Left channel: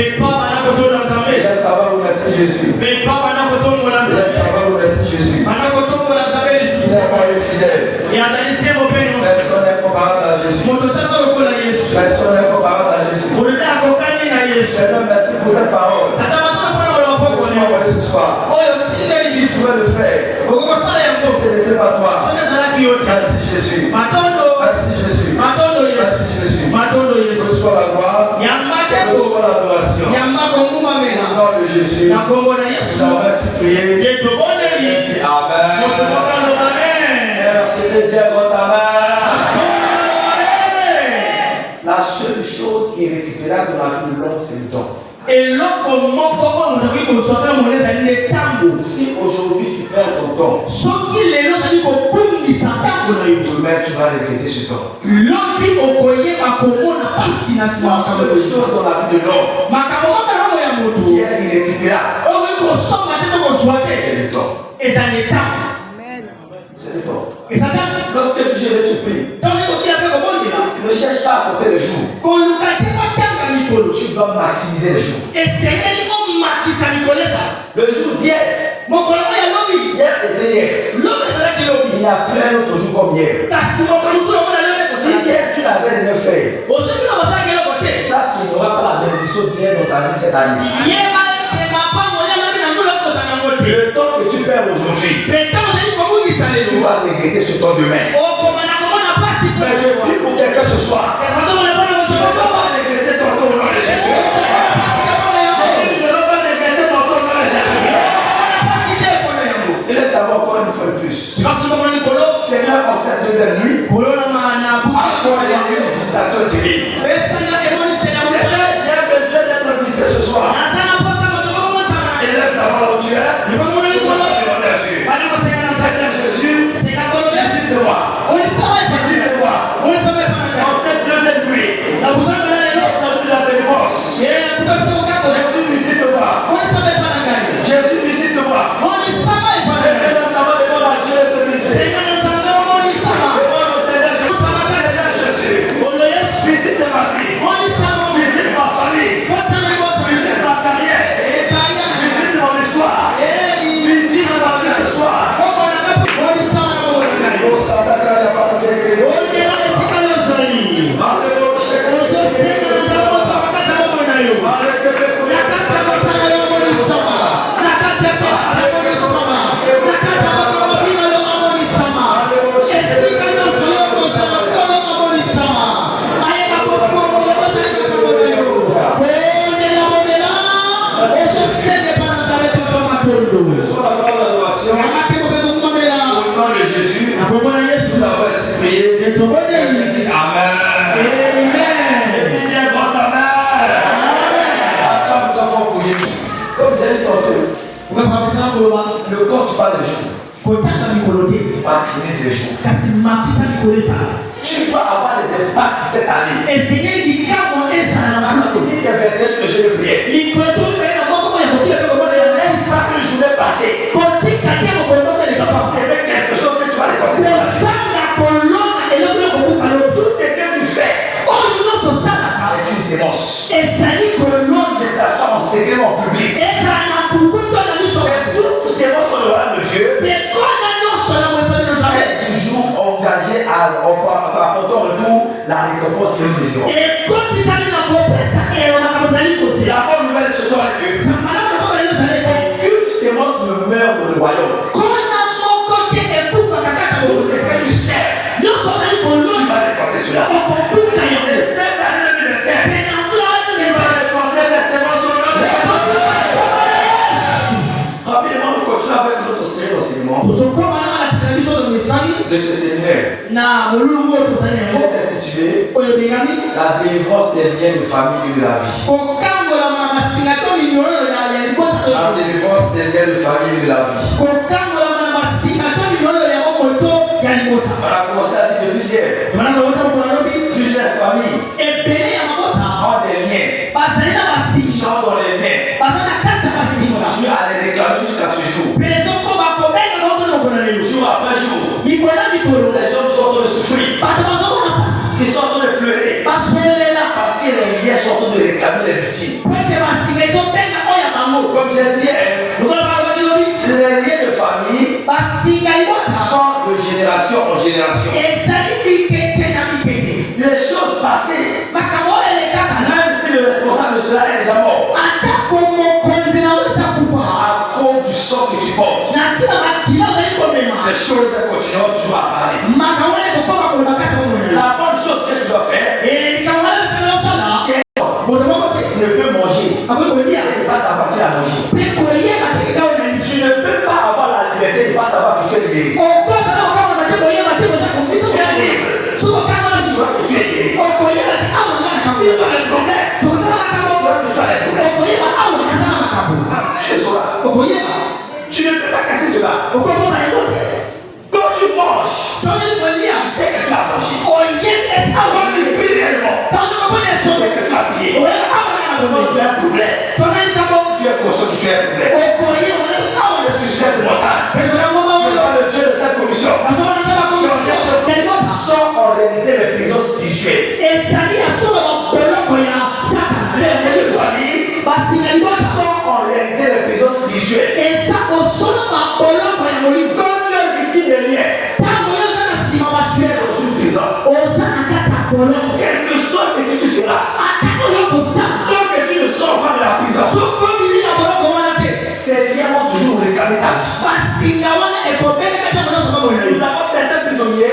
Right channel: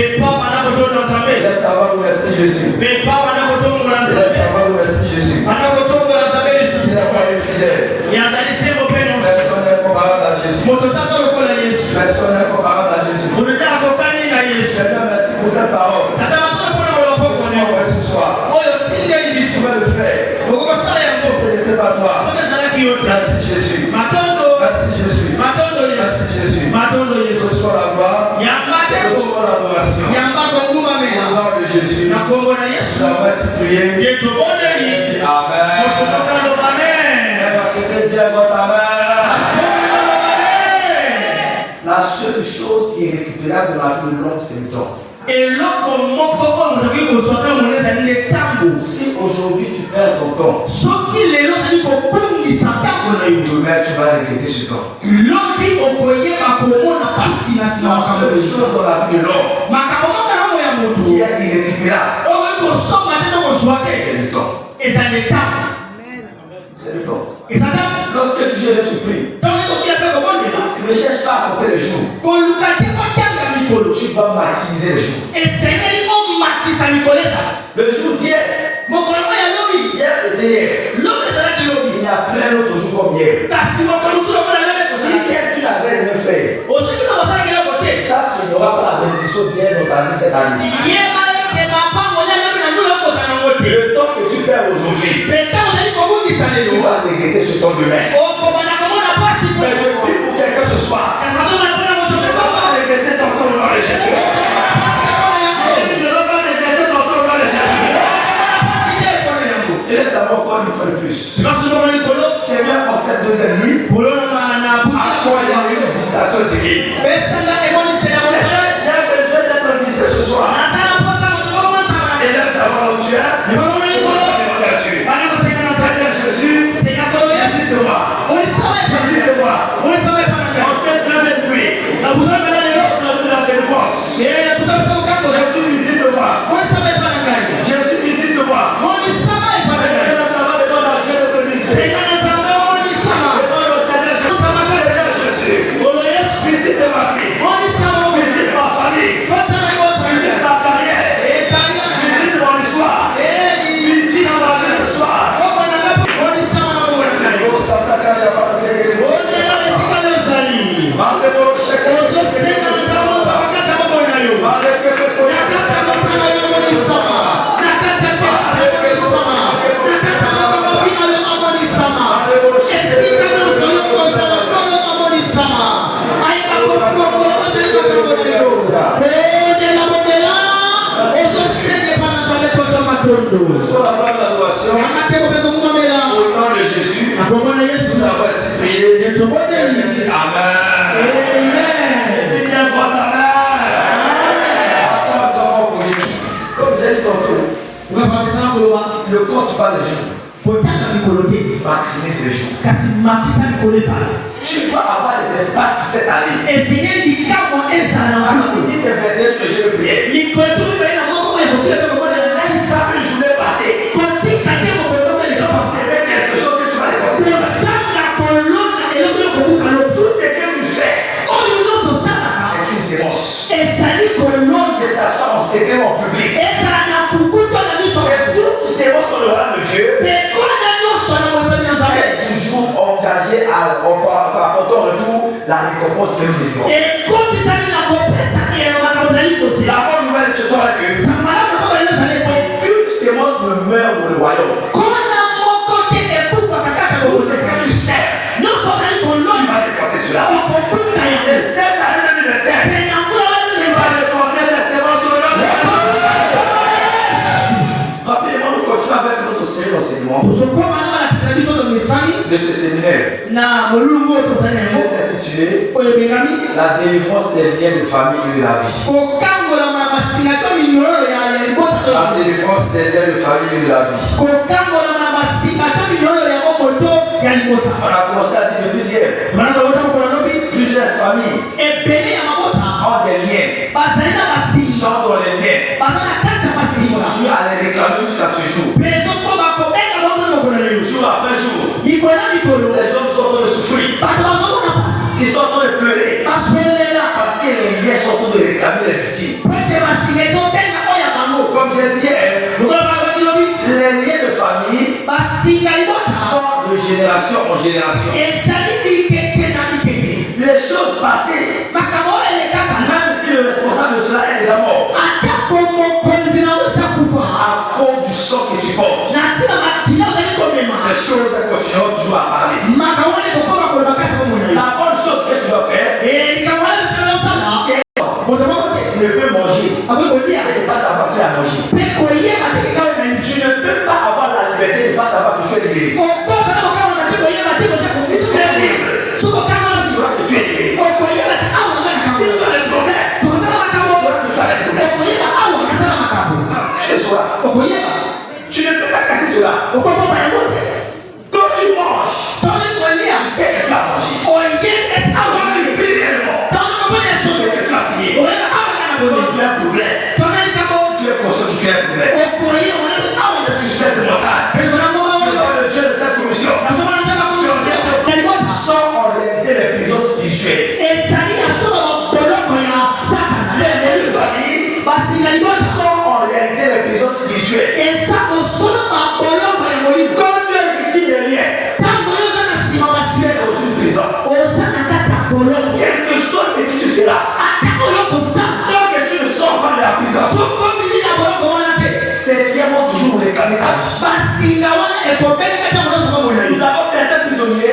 Lève ta voix, merci Jésus. Lève ta voix, merci Jésus. Il n'est pas infidèle. Personne n'est comparable à Jésus. Personne n'est comparable à Jésus. Seigneur, merci pour cette parole. Ce soir, tu pouvais le faire. Si ce n'était pas toi. Merci Jésus. Merci Jésus. Merci Jésus. Reçois la gloire. Reçois l'adoration. Au nom de Jésus. Nous avons ainsi prié. Dis Amen. C'était dire votre Amen. La seule chose qui est récupérable dans la vie de l'homme, c'est le temps. Si aujourd'hui tu perds ton temps, demain tu vas regretter ce temps. La seule chose dans la vie de l'homme qui est irrécupérable, c'est le temps. C'est le temps. Lorsque tu jeûnes, tu pries. Ne cherche pas à compter les jours. Tu dois maximiser les jours. Le jour d'hier, hier était hier. Il n'y a plus un autre jour comme hier. Si hier tu n'avais rien fait, sache qu'il n'y aura pas la bénédiction d'hier dans ta vie cette année. Le temps que tu perds aujourd'hui, tu vas regretter ce temps demain. Mais je prie pour quelqu'un ce soir. Tu ne vas pas regretter ton temps dans les Jésus. Tu ne vas pas regretter ton temps dans les Jésus. Il est d'abord encore une fois de plus. Seigneur, en cette deuxième nuit, accorde-moi une visitation divine. Seigneur, j'ai besoin d'être visité ce soir. Élève d'abord là où tu es. Seigneur Jésus, visite-moi. Visite-moi. En cette deuxième nuit, la défense. Jésus, visite-moi. Jésus, visite-moi. Visite ma vie. Visite ma famille. Visite ma carrière. Visite mon histoire. Visite ma vie ce soir. Au nom de Jésus, nous avons prié. Amen. Tiens votre Amen. Comme j'ai dit tantôt, le compte pas le jour. Maximise les jours. Tu dois avoir des impacts cette année. Si c'est 21 que je veux prier. Chaque journée passée, c'est quelque chose que tu vas récolter. Tout ce que tu fais est une sémence. Que ça soit en secret ou en public. Et toute sémence qu'on aura de Dieu est toujours engagée à apporter en retour la récompense que nous désirons. La bonne nouvelle ce soir est que aucune sémence ne meurt dans le royaume. Tout ce que tu sais, tu vas récolter cela. Et cette année 2021, tu vas récolter les sémences au nom de Jésus. Rapidement, nous continuons avec notre série d'enseignement de ce séminaire. Intitulé La délivrance des liens de famille et de la vie. La délivrance des liens de famille et de la vie. On a commencé à dire depuis hier. Plusieurs familles ont des liens. Ils sont dans les liens. Ils continuent à les réclamer jusqu'à ce jour. Jour après jour. Les hommes sont en train de souffrir. Ils sont en train de pleurer. Parce que les liens sont en train de réclamer les victimes. Comme je disais, les liens de famille sont de génération en génération. Les choses passées, même si le responsable de cela est déjà mort, à cause du sang que tu portes, ces choses continuent toujours à parler. La bonne chose que tu dois faire, ne peut manger et ne pas savoir qu'il a mangé. Tu ne peux pas avoir la liberté de ne pas savoir que tu es lié. Si tu es libre, tu vois que tu es lié. Si tu as des problèmes, tu vois que tu as des problèmes. Tu sais cela. Tu ne peux pas casser cela. Quand tu manges, tu sais que tu as mangé. Quand tu pries réellement, tu sais que tu as prié. Quand tu as un problème, tu es conscient que tu as un problème. Est-ce que tu sais de mon temps? Je vois le Dieu de cette commission. Sont en réalité les prisons spirituelles. Les amis sont en réalité les prisons spirituelles. Quand tu es victime de liens, tu es dans une prison. Quelque chose que tu seras. Tant que tu ne sors pas de la prison, ces liens vont toujours réclamer ta vie. Nous avons certains prisonniers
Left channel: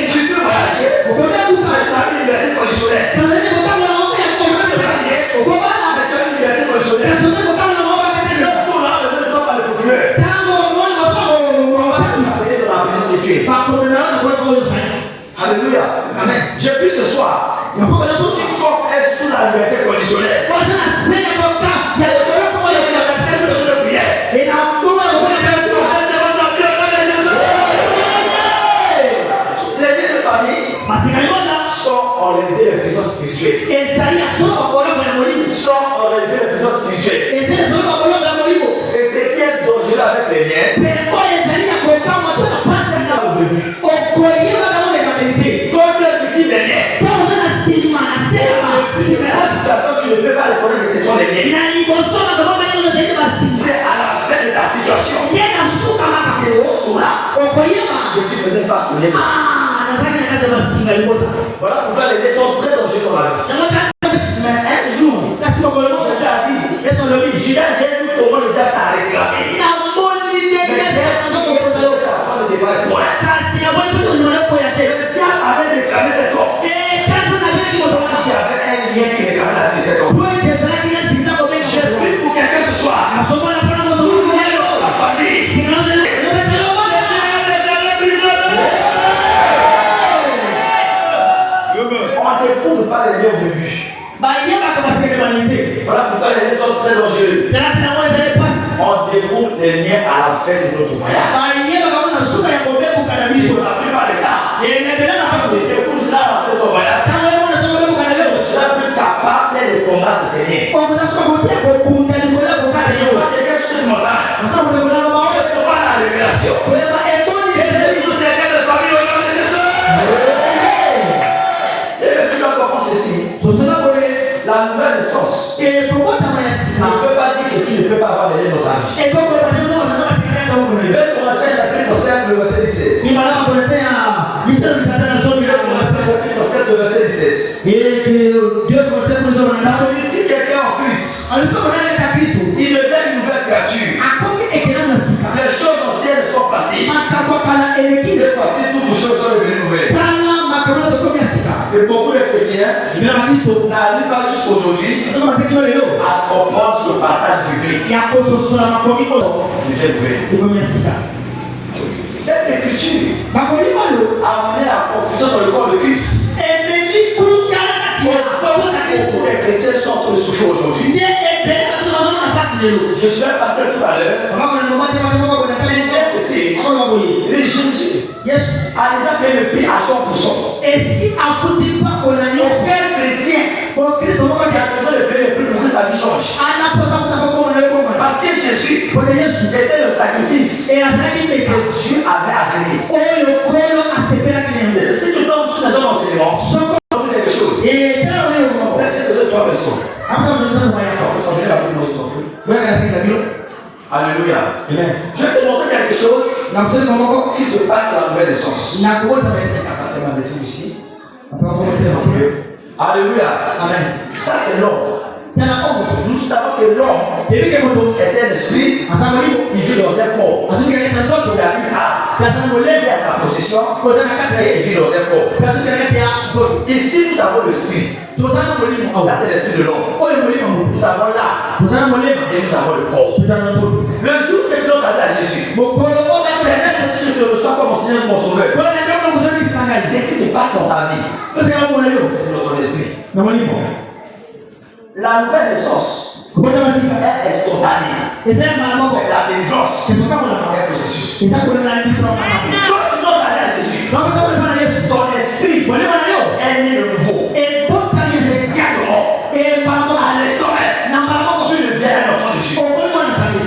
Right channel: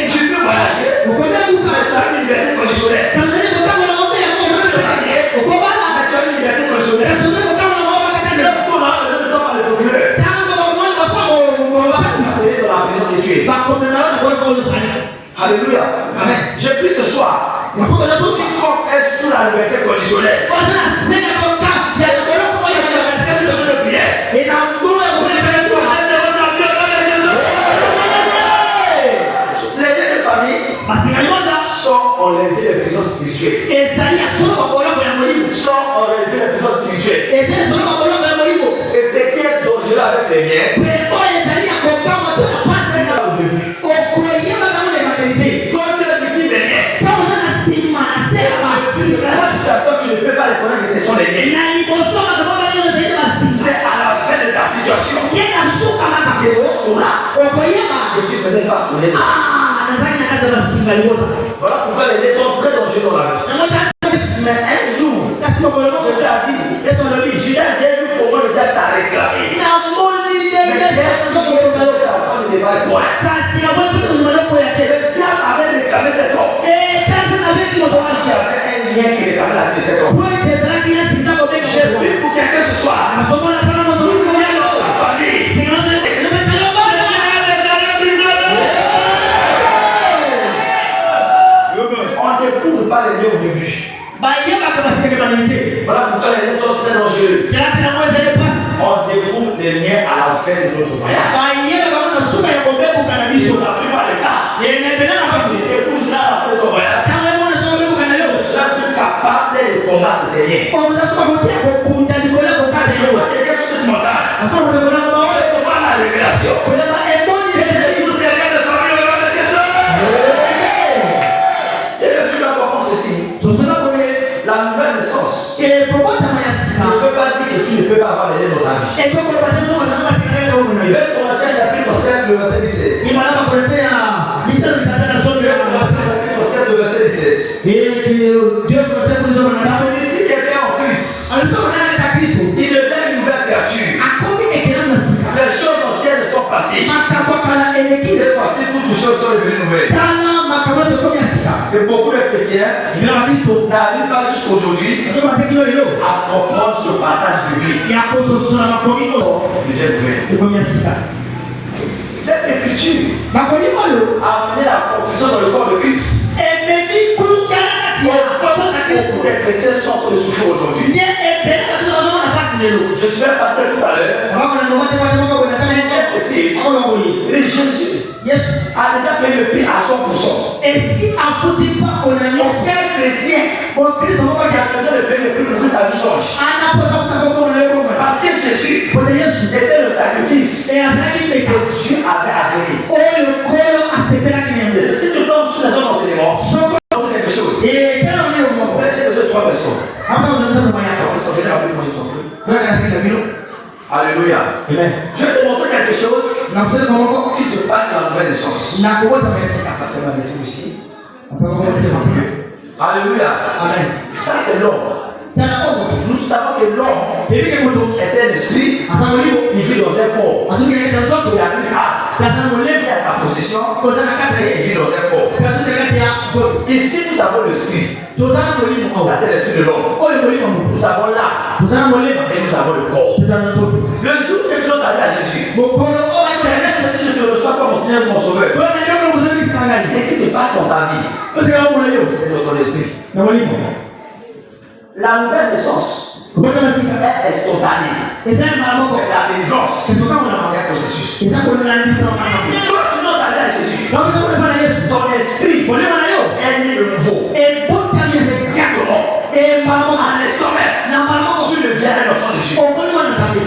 qui tu peux voyager, tu as une liberté conditionnelle. Tu veux te marier, tu as une liberté conditionnelle. Lorsqu'on a besoin de toi par le procureur, on va t'envoyer dans la prison que tu es. Alléluia. Amen. Je prie ce soir. Comme est sous la liberté conditionnelle. Les liens de famille sont en réalité les prisons spirituelles. Sont en réalité les prisons spirituelles. Et ce qui est dangereux avec les liens, c'est là au début. Quand tu es victime des liens, tu ne peux pas reconnaître que ce sont les liens. C'est à la fin de ta situation que tu sauras que tu faisais face aux liens. Voilà pourquoi les liens sont très dangereux dans la vie. Mais un jour, Jésus a dit, j'ai vu comment le diable t'a réclamé. Mais j'ai vu comment le diable t'a défendu toi. Le diable avait réclamé cet homme. Il y avait un lien qui réclamait la vie de cet homme. Je prie pour quelqu'un ce soir. La famille. On ne découvre pas les liens au début. Voilà pourquoi les liens sont très dangereux. On découvre les liens à la fin de notre voyage. Et on n'a plus pas le temps. Tu découvres cela à la fin de ton voyage. Tu seras plus capable de combattre ces liens. Je vois quelqu'un sur cette montagne. Je vois la révélation. Et tous ces liens de famille au nom de Jésus. Et tu dois comprendre ceci. La nouvelle naissance ne peut pas dire que tu ne peux pas avoir les liens dans ta vie. 2 Corinthiens chapitre 7, verset 16. 2 Corinthiens chapitre 7, verset 16. Si quelqu'un en Christ, il devient une nouvelle créature. Les choses anciennes sont passées. Et voici toutes les choses sont devenues nouvelles. Et beaucoup de chrétiens n'arrivent pas jusqu'aujourd'hui à comprendre ce passage biblique. Cette écriture a amené la confusion dans le corps de Christ. Beaucoup de chrétiens sont en train de souffrir aujourd'hui. Je suis un pasteur tout à l'heure. Jésus a déjà payé le prix à 100%. Et si aucun chrétien qui a besoin de payer le prix pour que sa vie change. Parce que Jésus était le sacrifice que Dieu avait agréé. Si tu tombes sur ces enseignements, quelque chose. 3 personnes. Alléluia. Je vais te montrer quelque chose qui se passe dans la nouvelle naissance. Ici. Alléluia. Amen. Ça c'est l'homme. Nous savons que l'homme est un esprit, il vit dans un corps. Il a sa possession et il vit dans un corps. Ici nous avons l'esprit. Ça c'est l'esprit de l'homme. Nous avons l'âme et nous avons le corps. Le jour que tu donnes ta vie à Jésus, Seigneur Jésus, je te reçois comme mon Seigneur et mon Sauveur. Ce qui se passe dans ta vie, c'est dans ton esprit. La nouvelle naissance est instantanée. La délivrance, c'est un processus. Quand tu donnes ta vie à Jésus, ton esprit est né de nouveau. Exactement. À l'instant même, tu deviens un enfant de Dieu.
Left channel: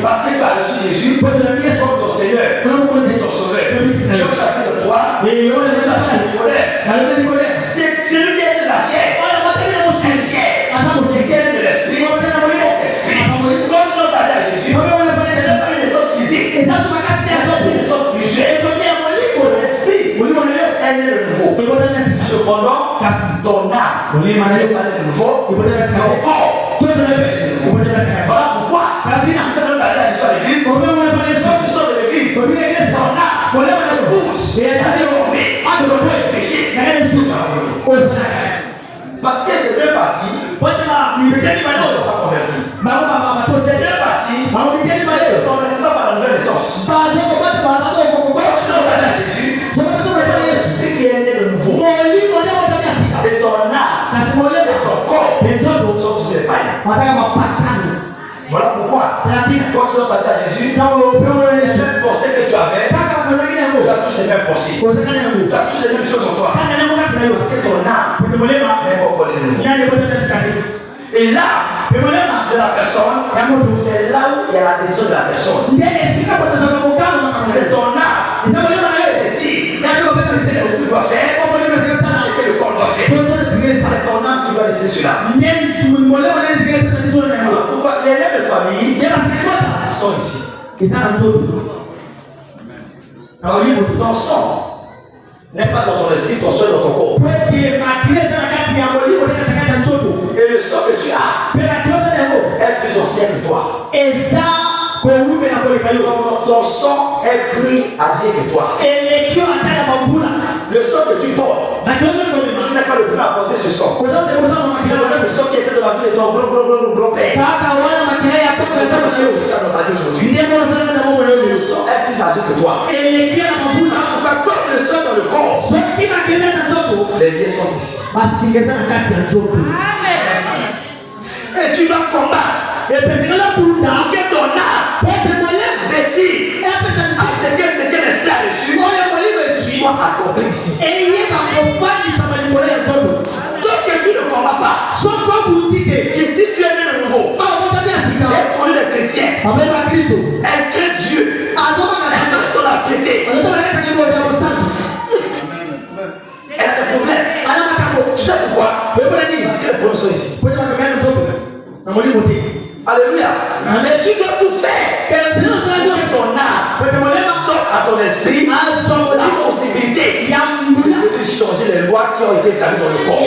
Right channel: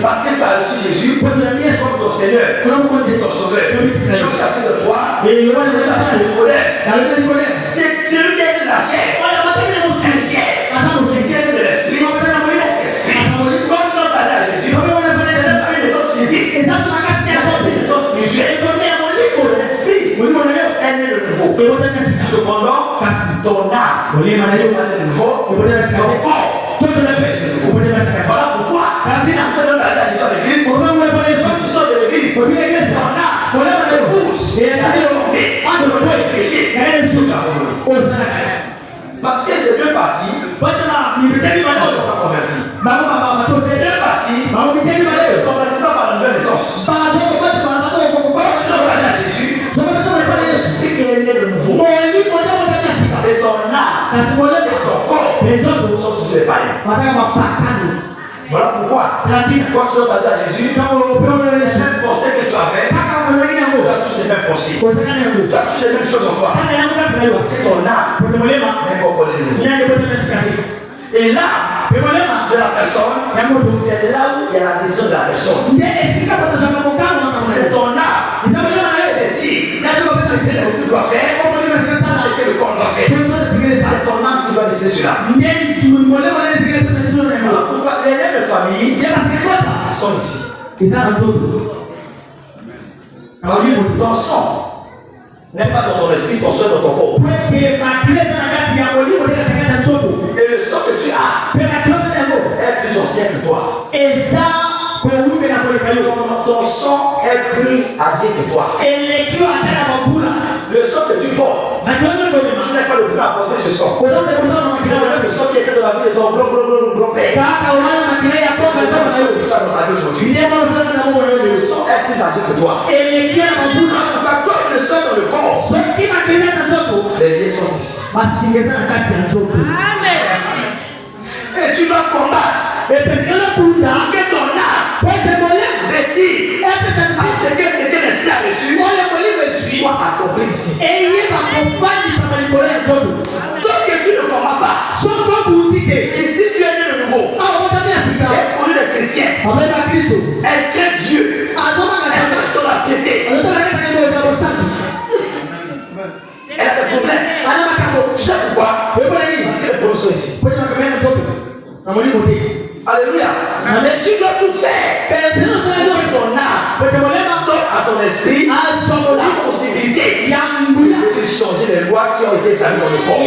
Parce que tu as reçu Jésus comme ton Seigneur et ton Sauveur. Jean chapitre 3, c'est celui qui est de la chair. C'est chair. C'est qui est de l'esprit. Quand tu donnes ta vie à Jésus, c'est pas une naissance physique. C'est une naissance spirituelle. L'esprit est né de nouveau. Cependant, ton âme est de nouveau. Ton corps est de nouveau. Voilà pourquoi tu te donnes la vie à Jésus à l'église. Tu sors de l'église. Ton âme pousse à développer le péché. Parce que ces deux parties ne sont pas converties. Ces deux parties ne sont converties pas par la nouvelle naissance. Quand tu donnes la vie à Jésus, c'est l'esprit qui est né de nouveau. Et ton âme et ton corps sont tous les païens. Voilà pourquoi, quand tu donnes ta vie à Jésus, les mêmes pensées que tu avais, tu as tous les mêmes pensées. Tu as tous les mêmes choses en toi. Parce que ton âme n'est pas encore de nouveau. Et l'âme de la personne, c'est là où il y a la décision de la personne. C'est ton âme qui décide ce que l'esprit doit faire, ce que le corps doit faire. C'est ton âme qui va décider cela. Pourquoi les règles de famille sont ici? Parce que ton sang n'est pas dans ton esprit, ton sang est dans ton corps. Et le sang que tu as est plus ancien que toi. Ton sang est plus âgé que toi. Le sang que tu portes, tu n'es pas le plus à porter ce sang. C'est le même sang qui était dans la vie de ton gros-père. C'est le même sang que tu as dans ta vie aujourd'hui. Le sang est plus âgé que toi. Comme le sang dans le corps, les liens sont ici. Et tu vas combattre. Que ton âme décide à ce que l'esprit a reçu soit accompli ici. Tant que tu ne combats pas, ici tu es né de nouveau. J'ai connu des chrétiens. Elle crée Dieu. Elle marche dans la piété. Elle a des problèmes. Tu sais pourquoi? Parce que les problèmes sont ici. Alléluia. Mais tu dois tout faire. Ton âme, à ton esprit, la possibilité de changer les lois qui ont été établies dans le corps.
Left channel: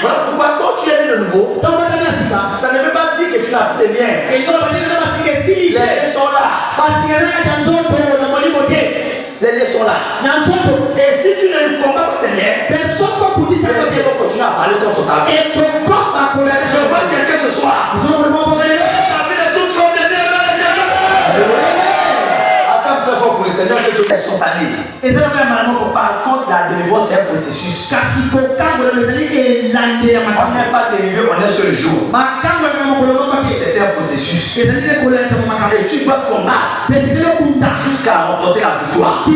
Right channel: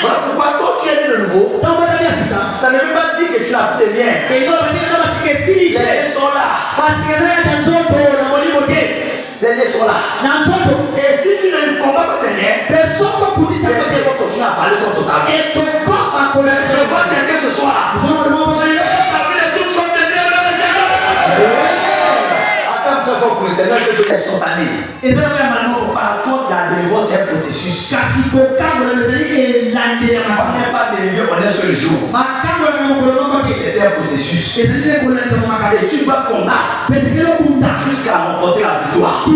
Voilà pourquoi quand tu es né de nouveau, ça ne veut pas dire que tu n'as plus de liens. Les liens sont là. Les liens sont là. Et si tu ne combats pas ces liens, c'est qu'ils vont continuer à parler contre ta vie. Je vois quelqu'un ce soir. Attends très fort pour le Seigneur que Dieu est spontané. Par contre, la délivrance c'est un processus. On n'est pas délivré en un seul jour. C'est un processus. Et tu vas combattre jusqu'à remporter la victoire. Et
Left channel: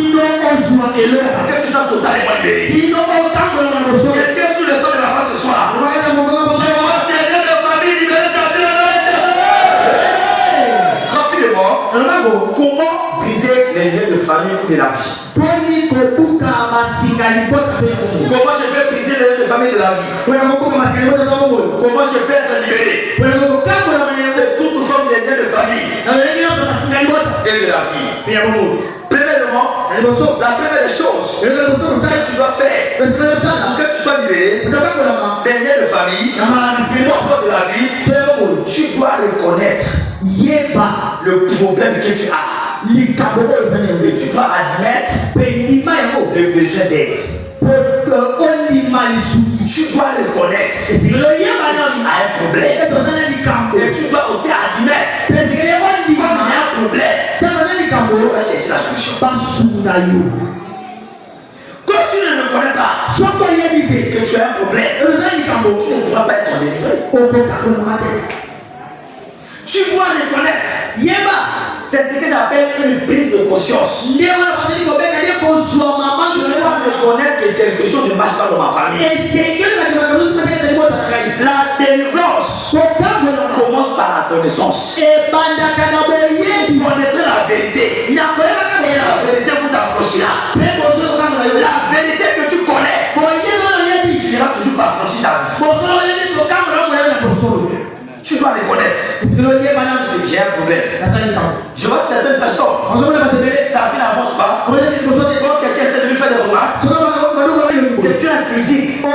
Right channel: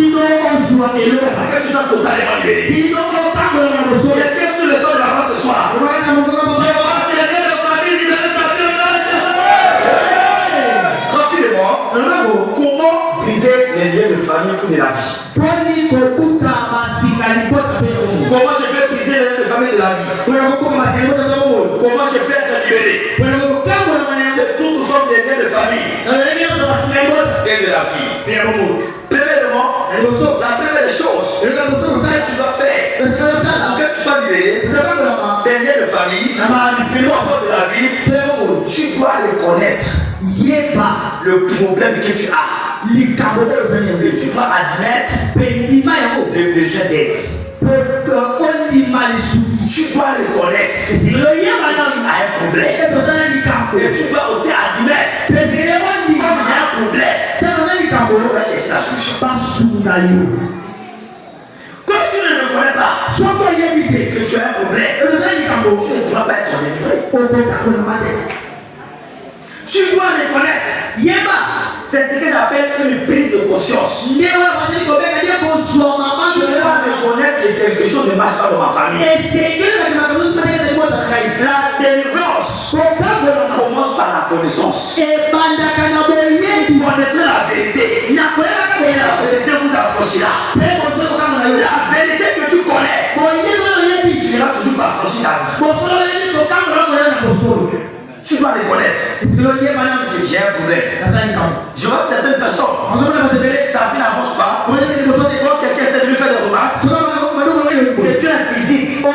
le fait que tu sois totalement libéré. Quelqu'un sur le sol de la croix ce soir. Rapidement, comment briser les liens de famille ou de la vie? Comment je vais briser la vie. Comment je peux être libéré de toute forme de liens de famille et de la vie. Premièrement, la première chose que tu dois faire pour que tu sois libéré des liens de famille ou encore de la vie, tu dois reconnaître le problème que tu as. Et tu dois admettre le besoin d'aide. Tu dois reconnaître que tu as un problème. Et tu dois aussi admettre que tu as un problème. Tu dois chercher la solution. Quand tu ne reconnais pas que tu as un problème, tu ne pourras pas être délivré. Tu dois reconnaître. C'est ce que j'appelle une prise de conscience. Tu dois reconnaître que quelque chose ne marche pas dans ma famille. La délivrance commence par la connaissance. Connaître la vérité. Et la vérité vous affranchira. La vérité que tu connais, tu n'iras toujours pas affranchir ta vie. Tu dois reconnaître que j'ai un problème. Je vois certaines personnes, sa vie n'avance pas. Quand quelqu'un essaie de lui faire des remarques, te tient un critique, ne te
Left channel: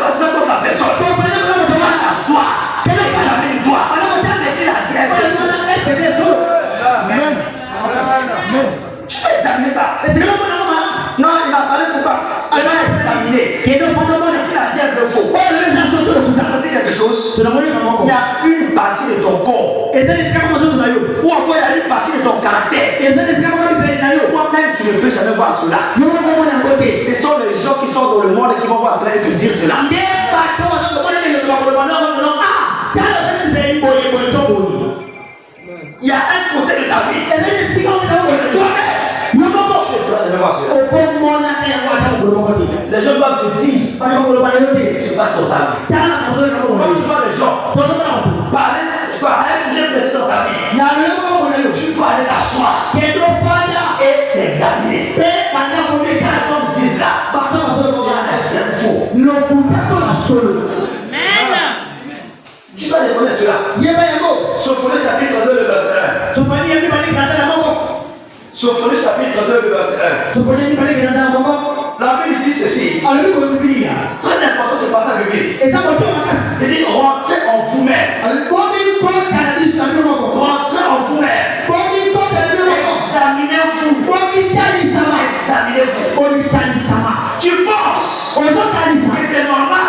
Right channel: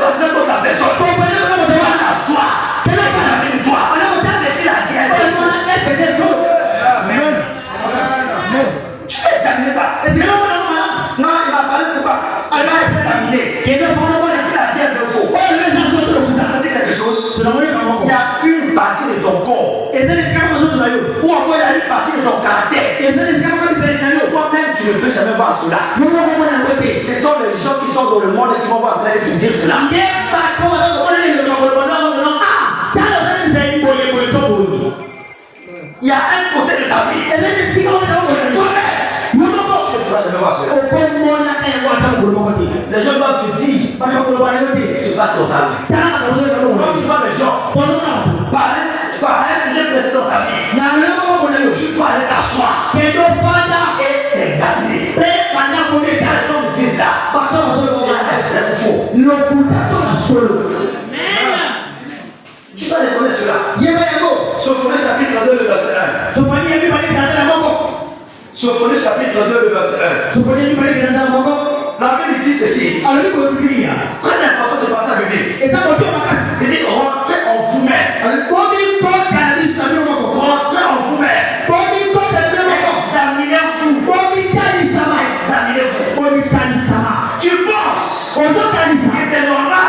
fasse pas contre la personne. Demande à soi. Quel est le problème de toi? C'est qu'il a dit. Tu peux examiner ça. Non, il m'a parlé de quoi? Il m'a examiné. Il a dit un peu faux. On dit quelque chose. Il y a une partie de ton corps. Ou encore il y a une partie de ton caractère. Toi-même tu ne peux jamais voir cela. Ce sont les gens qui sont dans le monde qui vont voir cela et te dire cela. Il y a un côté de ta vie. Toi-même tu ne pourras jamais voir cela. Les gens doivent te dire ce qui se passe dans ta vie. Quand tu vois les gens parler un sujet précis dans ta vie, tu dois aller t'asseoir et t'examiner. Si les personnes disent ça, c'est faux. Tu dois reconnaître cela. Sophonie chapitre 2, le verset 1. Sophonie chapitre 2, le verset 1. La Bible dit ceci. Très important ce passage biblique. Il dit rentrez en vous-même. Rentrez en vous-même. Examinez-vous. Tu penses que c'est normal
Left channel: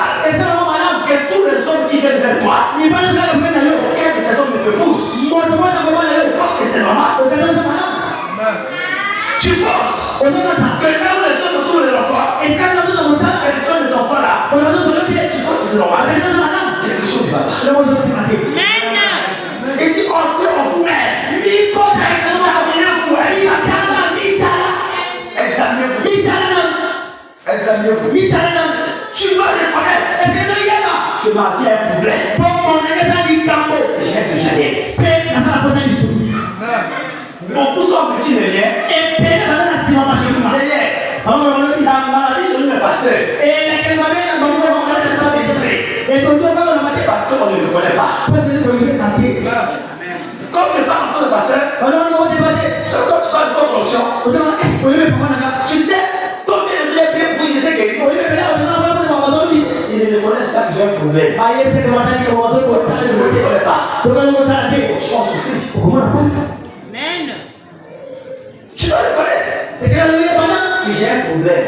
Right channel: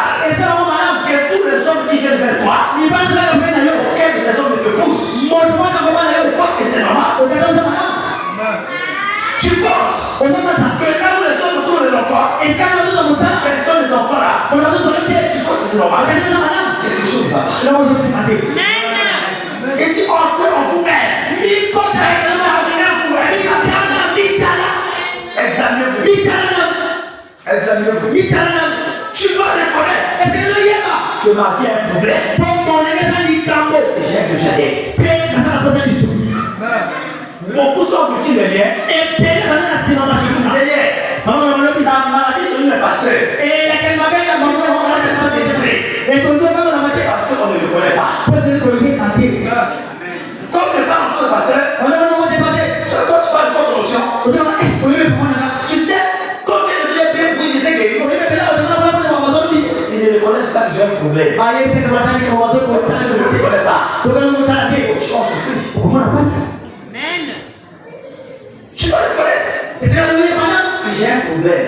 que tous les hommes qui viennent vers toi, auxquels ces hommes ne te poussent, tu penses que c'est normal? Tu penses que là où les hommes autour de l'emploi, personne ne t'envoie là, tu penses que c'est normal? Quelque chose ne va pas. Et si entrez en vous-même, examinez-vous. Tu dois reconnaître que ma vie a un problème. J'ai besoin d'aide. Beaucoup sont petits les liens. La maladie chez nous est pasteur. C'est parce qu'on ne le connaît pas. Comme tu parles encore de pasteur, quand tu parles de votre option, tu sais combien de gens bien pour ils étaient guéris. Ils ne reconnaissent pas que j'ai un problème. Parce que je ne le connais pas. Tu en souffres. Tu dois reconnaître que j'ai un problème.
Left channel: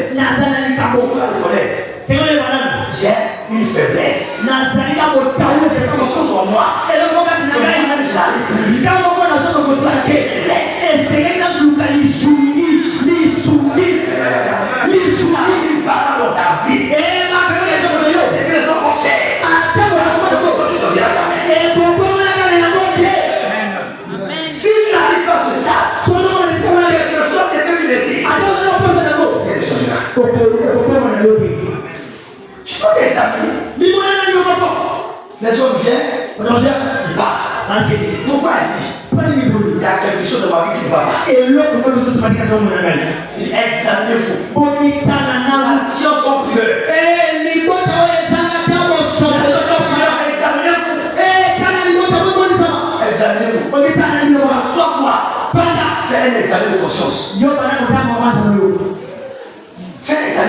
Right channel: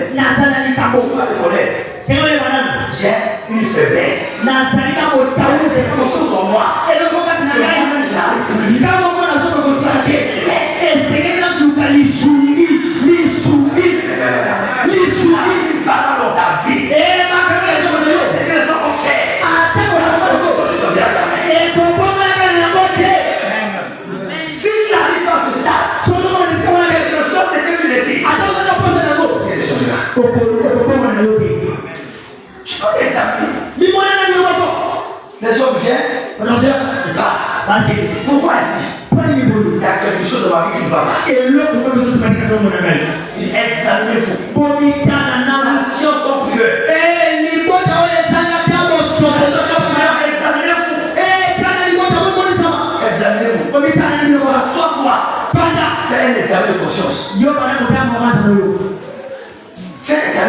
Tu dois reconnaître j'ai une faiblesse. Il y a quelque chose en moi que moi-même je n'arrive plus. Parle dans ta vie. Et que les enfants font. Si tu n'arrives pas sur ça, quelque chose c'est que tu décides. Tu dois t'examiner. Les hommes viennent, ils partent. Pourquoi ici? Il y a quelque chose de ma vie qui ne va pas. Examinez-vous. La science sont pure.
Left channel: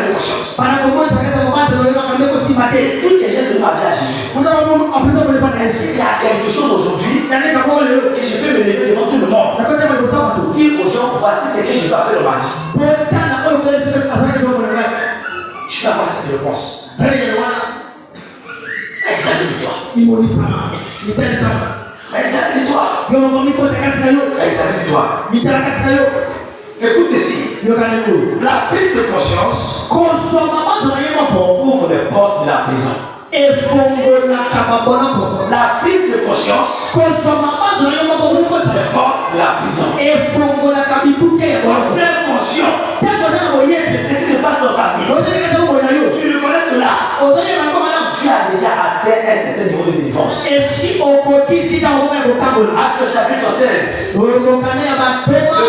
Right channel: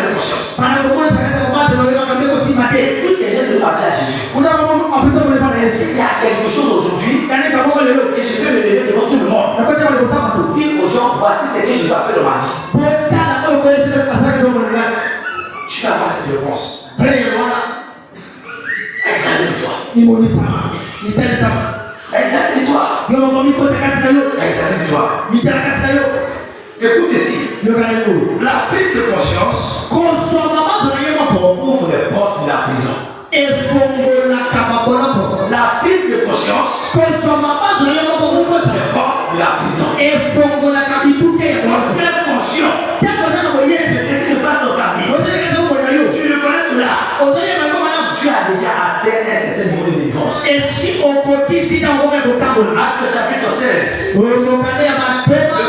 de conscience. Et tout que j'ai demandé à Jésus. Il y a quelque chose aujourd'hui que je peux me lever devant tout le monde. Dire aux gens, voici ce que Jésus a fait dans ma vie. Tu vas avoir cette réponse. Examine-toi. Examine-toi. Examine-toi. Écoute ici. La prise de conscience ouvre les portes de la prison. La prise de conscience ouvre les portes de la prison. Quand tu es conscient de ce qui se passe dans ta vie, tu reconnais cela. Tu as déjà atteint un certain niveau de défense. Acte chapitre 16, le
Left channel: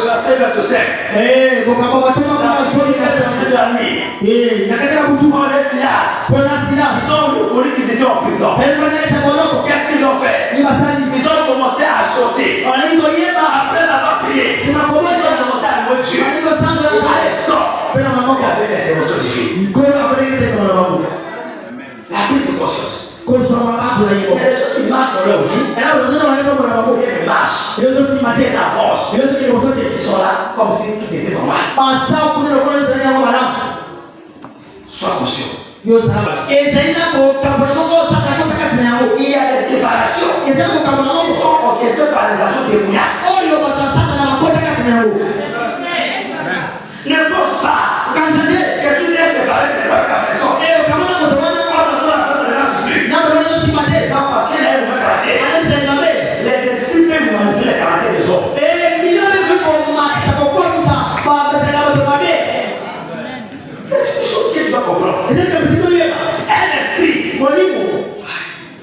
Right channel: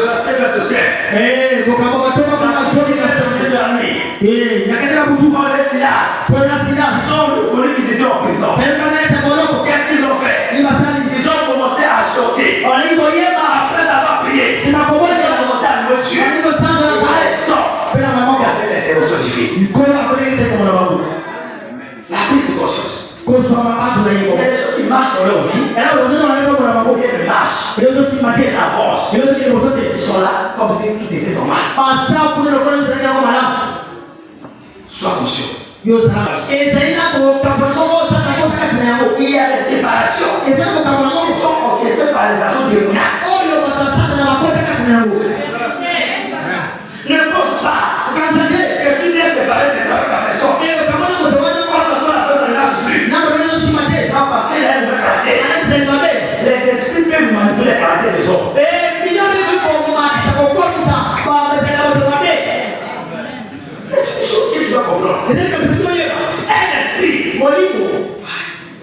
verset 25. Paul et Silas, ils ont reconnu qu'ils étaient en prison. Qu'est-ce qu'ils ont fait? Ils ont commencé à chanter. Après avoir prié, ils ont commencé à louer Dieu. À l'instant, il y avait l'intervention divine. La prise de conscience. Il y a des gens qui marchent dans leur vie. Ils marchent. Ils avancent. Ils sont là comme si tout était normal. Sois conscient. Il y a des séparations qui sont orchestrées par les agents démoniaques. Ne pense pas que tu viens séparer de la personne. Non, parce qu'elle a un caractère. Les esprits peuvent manipuler le caractère des hommes. C'est une chose que tu dois comprendre. Un esprit.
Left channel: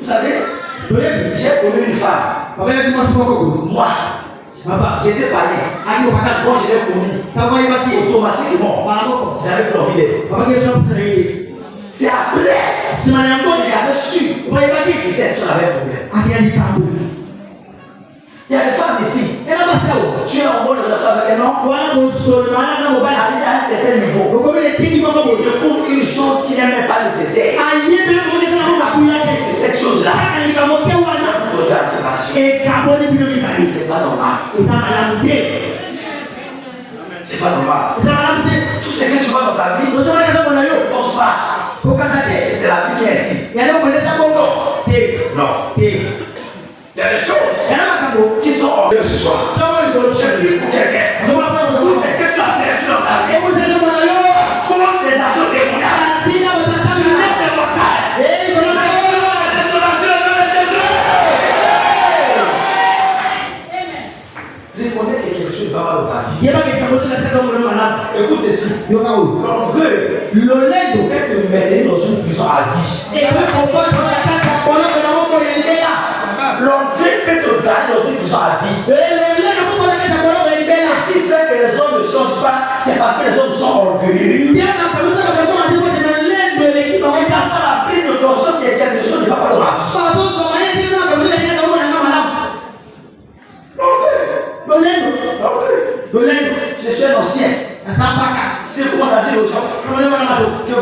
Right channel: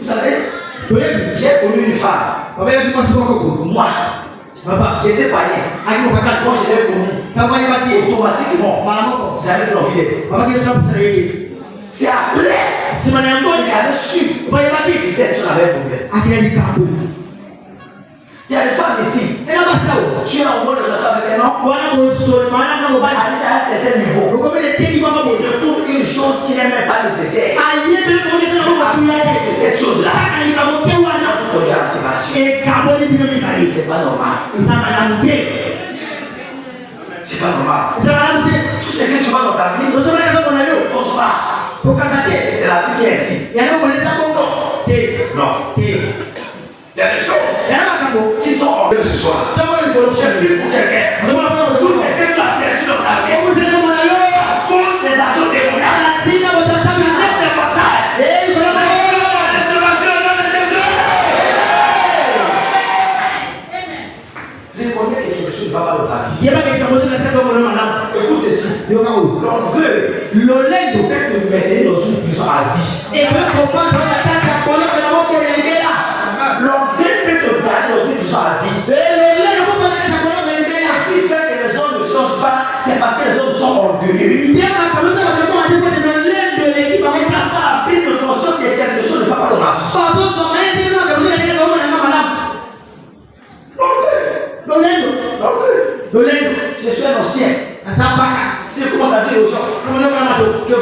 Vous savez, j'ai connu une femme. Moi, j'étais païen. Quand je l'ai connue, automatiquement, j'avais plus envie d'elle. C'est après que j'avais su que cette chose avait problème. Il y a des femmes ici. Tu es en mode de la femme avec un homme. Arrivé à un certain niveau. Il découvre une chose qui n'est même pas nécessaire. Cette chose-là. C'est pas normal. C'est pas normal. Tout ce que tu vois dans ta vie, ne pense pas. C'est la vie qui est ici. Non. Il y a des choses qui sont en eux ce soir. J'ai prié pour quelqu'un. Tout ce que tu as perdu dans ta vie, à cause des actions démoniaques, sur cette portail, reconnais que quelque chose va mal dans ta vie. Écoute ceci. L'orgueil peut te mettre dans une prison à vie. L'orgueil peut te garder dans une prison à vie. Ce qui fait que les hommes ne changent pas, c'est parce que les hommes sont orgueilleux. Quand tu as la prise de conscience que quelque chose ne va pas dans ma vie. L'orgueil. Je suis un ancien. Si je commence à dire aux gens que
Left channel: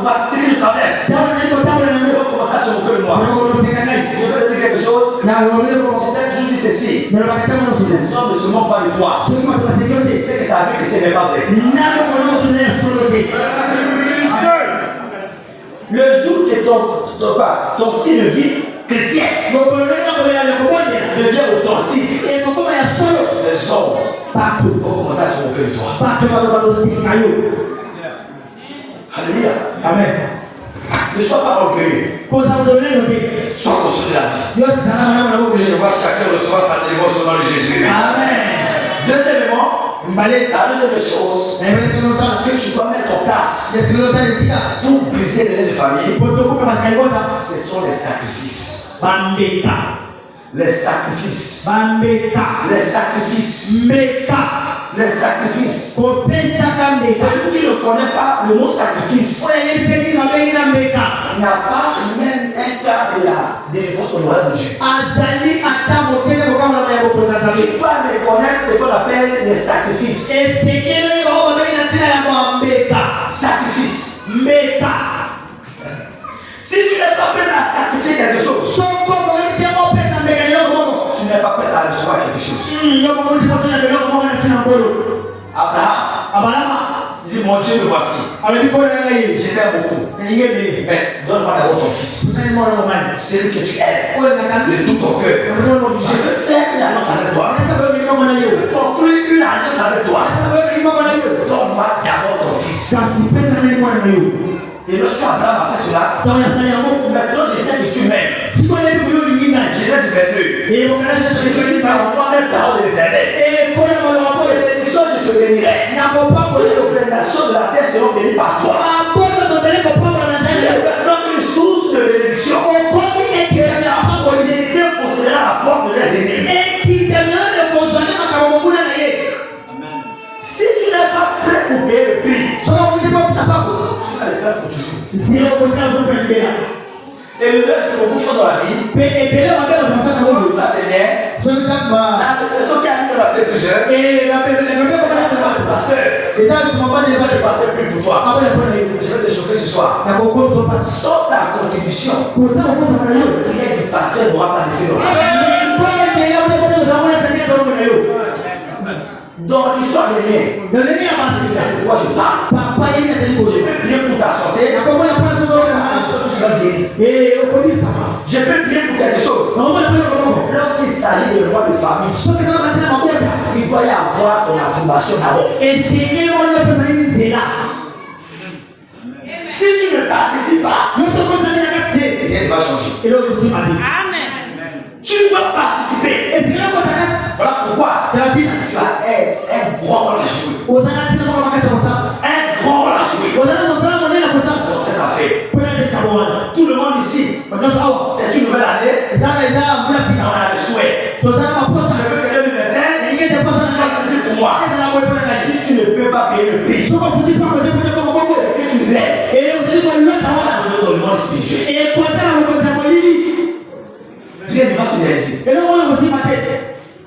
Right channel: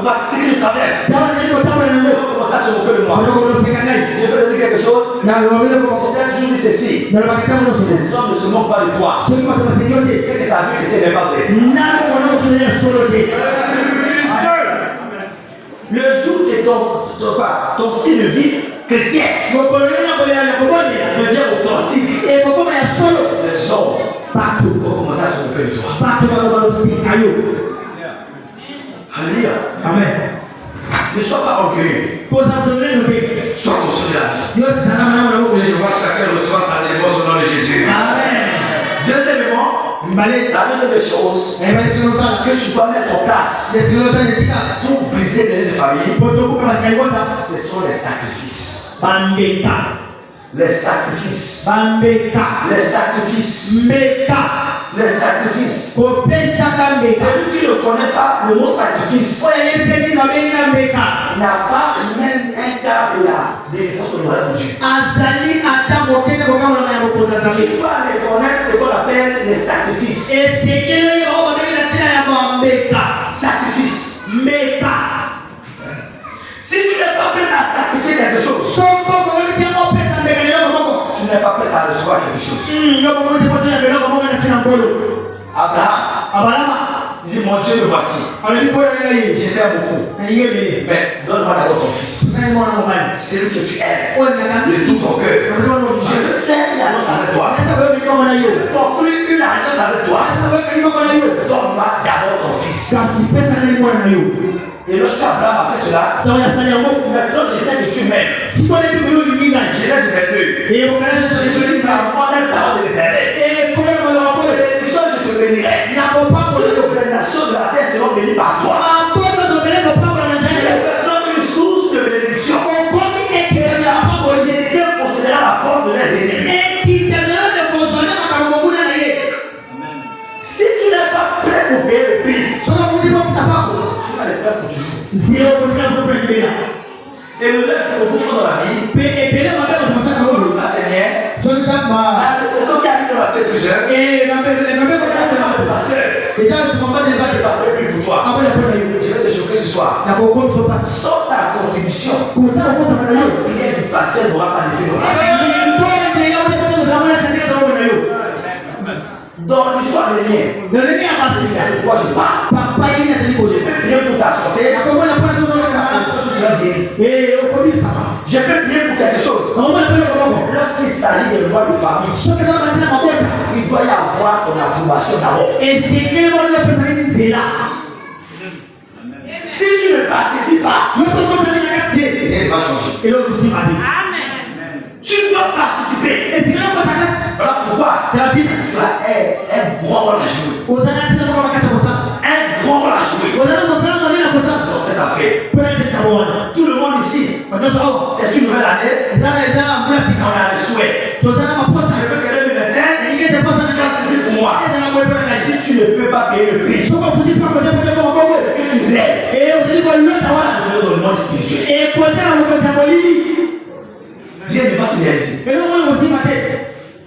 voici ce que je traverse, ils vont commencer à se moquer de moi. Je peux te dire quelque chose. Je t'ai toujours dit ceci. Les hommes ne se moquent pas de toi. C'est que ta vie chrétienne n'est pas vraie. Le jour que ton style de vie chrétien devient authentique, les hommes vont commencer à se moquer de toi. Alléluia. Amen. Ne sois pas orgueilleux. Sois conscient de la vie. Et je vois chacun recevoir sa délivrance au nom de Jésus. Amen. Deuxièmement, la deuxième chose que tu dois mettre en place pour briser les liens de famille, ce sont les sacrifices. Les sacrifices. Les sacrifices. Les sacrifices. Celui qui ne connaît pas le mot sacrifice n'a pas même un quart de la délivrance qu'on aura de Dieu. Tu dois reconnaître ce qu'on appelle les sacrifices. Sacrifice. Meka. Si tu n'es pas prêt à sacrifier quelque chose, tu n'es pas prêt à recevoir quelque chose. Abraham, il dit, mon Dieu, le voici. Je t'aime beaucoup. Mais donne-moi d'abord ton fils. Celui que tu aimes de tout ton cœur. Je veux faire une alliance avec toi. Je veux construire une alliance avec toi. Donne-moi d'abord ton fils. Et lorsqu'Abraham a fait cela, maintenant je sais que tu m'aimes. Genèse 22. Je dis par moi-même parole de l'Éternel. Bénédiction, je te bénirai. Les nations de la terre seront bénies par toi. Tu es maintenant une source de bénédiction. L'humanité possédera la porte de leurs ennemis. Si tu n'es pas prêt pour payer le prix, tu vas rester pour toujours. Et le lèvre qui me bouffe dans la vie, la dernière, la réflexion qui arrive dans la tête plusieurs, le pasteur prie pour toi. Je vais te choquer ce soir. Sans ta contribution, la prière du pasteur n'aura pas d'effet dans la vie. Dans l'histoire de l'année, c'est de quoi je parle. Je peux prier pour ta santé, tu seras guéri. Je peux prier pour quelque chose. Lorsqu'il s'agit de loi de famille, il doit y avoir ton approbation d'abord. Si tu ne participes pas, rien ne va changer. Tu dois participer. Voilà pourquoi tu as un grand rôle à jouer. Un grand rôle à jouer dans cette affaire. Tout le monde ici, c'est une nouvelle année. On a le souhait. Je veux que 2021 pour moi. Si tu ne peux pas payer le prix, que tu rêves dans le monde spirituel. Rien ne va se laisser.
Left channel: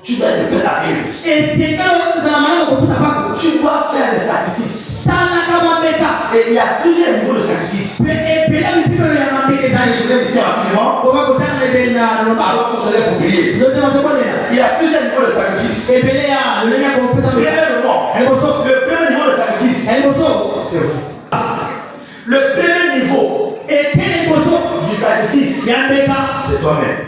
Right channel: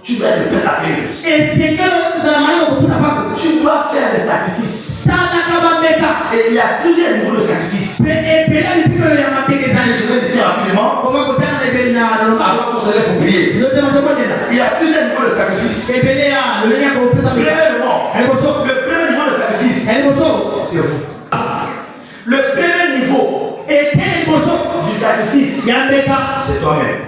Tu dois être prêt à payer. Tu dois faire des sacrifices. Et il y a plusieurs niveaux de sacrifices. Je vais dire rapidement. Avant qu'on se lève pour prier. Il y a plusieurs niveaux de sacrifices. Premièrement, le premier niveau de sacrifice, c'est vous. Le premier niveau du sacrifice, c'est toi-même.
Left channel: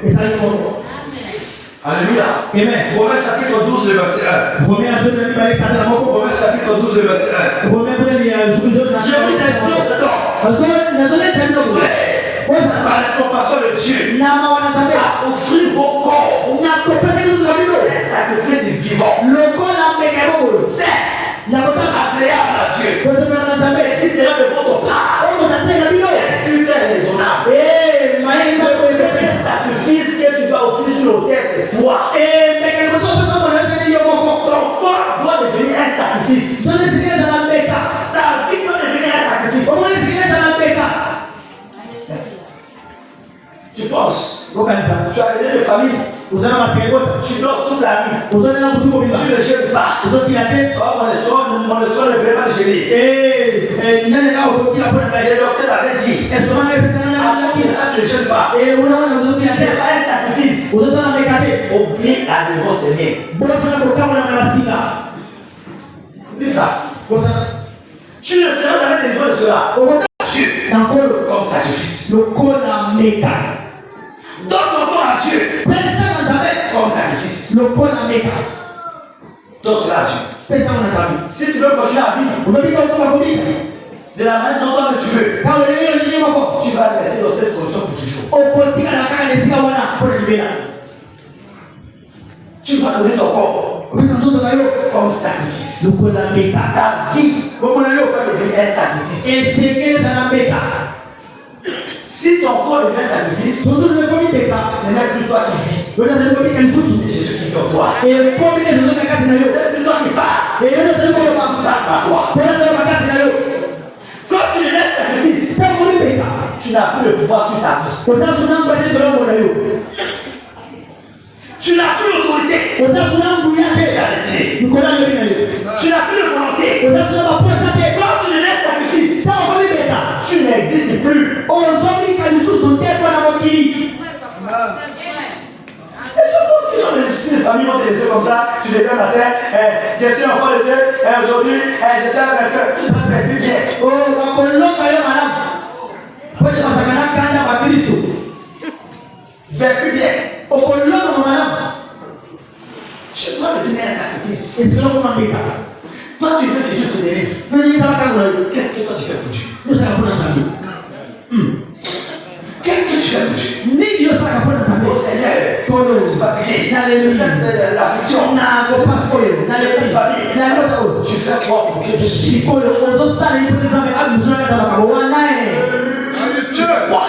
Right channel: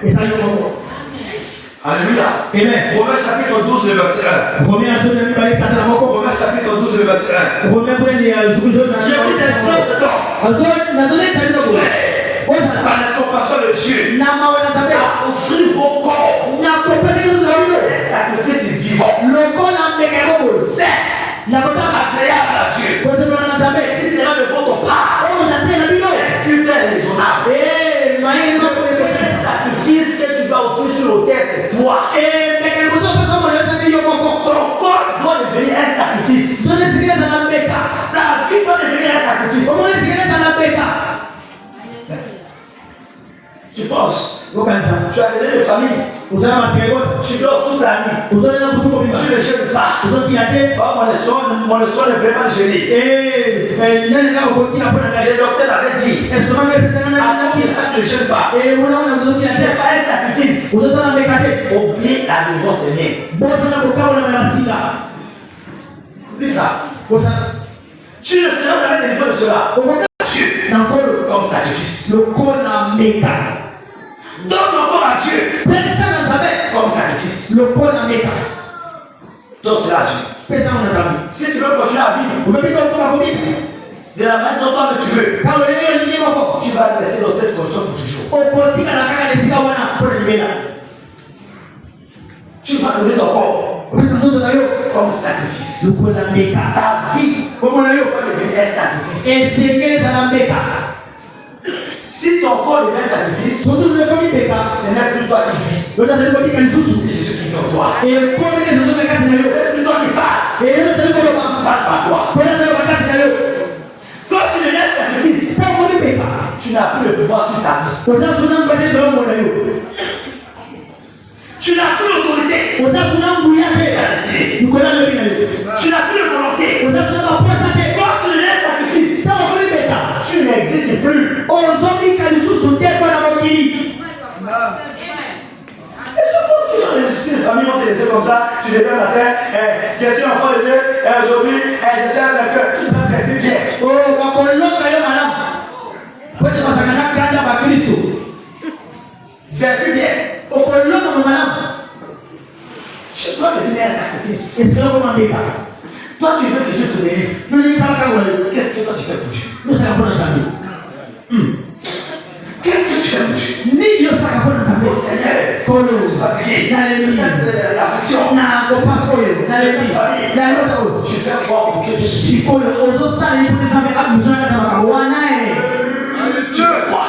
Alléluia. Amen. Romains chapitre 12, le verset 1. Romains chapitre 12, le verset 1. Je vous exhorte donc, par l'incompassion de Dieu, à offrir vos corps un sacrifice vivant. C'est agréable à Dieu. C'est qui sera de votre part. Un culte raisonnable. Le sacrifice que tu dois offrir sur l'autel, c'est toi. Ton corps doit devenir un sacrifice. Ta vie doit devenir un sacrifice. Tu penses, tu as donné de famille, tu dors toute la nuit, tu ne jeûnes pas. Oh, mon espoir ne peut pas le jeûner. Le docteur l'avait dit, après ça tu ne jeûnes pas. Ce n'est pas un sacrifice. Oublie la divorce des miens. Oublie ça. Tu ne feras jamais délivré de cela. Dieu comme sacrifice. Donne ton corps à Dieu comme sacrifice. Donne cela à Dieu. Si tu veux continuer à vivre de la manière dont tu veux, tu vas rester dans cette condition pour toujours. Tu vas donner ton corps comme sacrifice. Ta vie doit devenir un sacrifice. Si ton corps devient sacrifice, ce n'est plus toi qui vis. C'est Jésus qui vit en toi. Ce n'est plus toi qui parles. Tu parles par toi. Quand tu deviens sacrifice, tu n'as plus le pouvoir sur ta vie. Tu n'as plus l'autorité. Tu n'as plus de volonté. Quand tu deviens sacrifice, Et je pense que dans les esprits de famille vont te laisser comme ça. Tu te lèves matin, je suis enfant de Dieu, et aujourd'hui, je suis un vainqueur. Tout ça fait du bien. Vaincu bien. Tu dois devenir un sacrifice. Toi, tu veux que Dieu te délivre. Qu'est-ce que toi tu fais pour Dieu? Qu'est-ce que tu fais pour Dieu? Oh Seigneur, je suis fatigué. L'affliction, la famille. Tu fais quoi pour que Dieu te délivre? Tu veux quoi?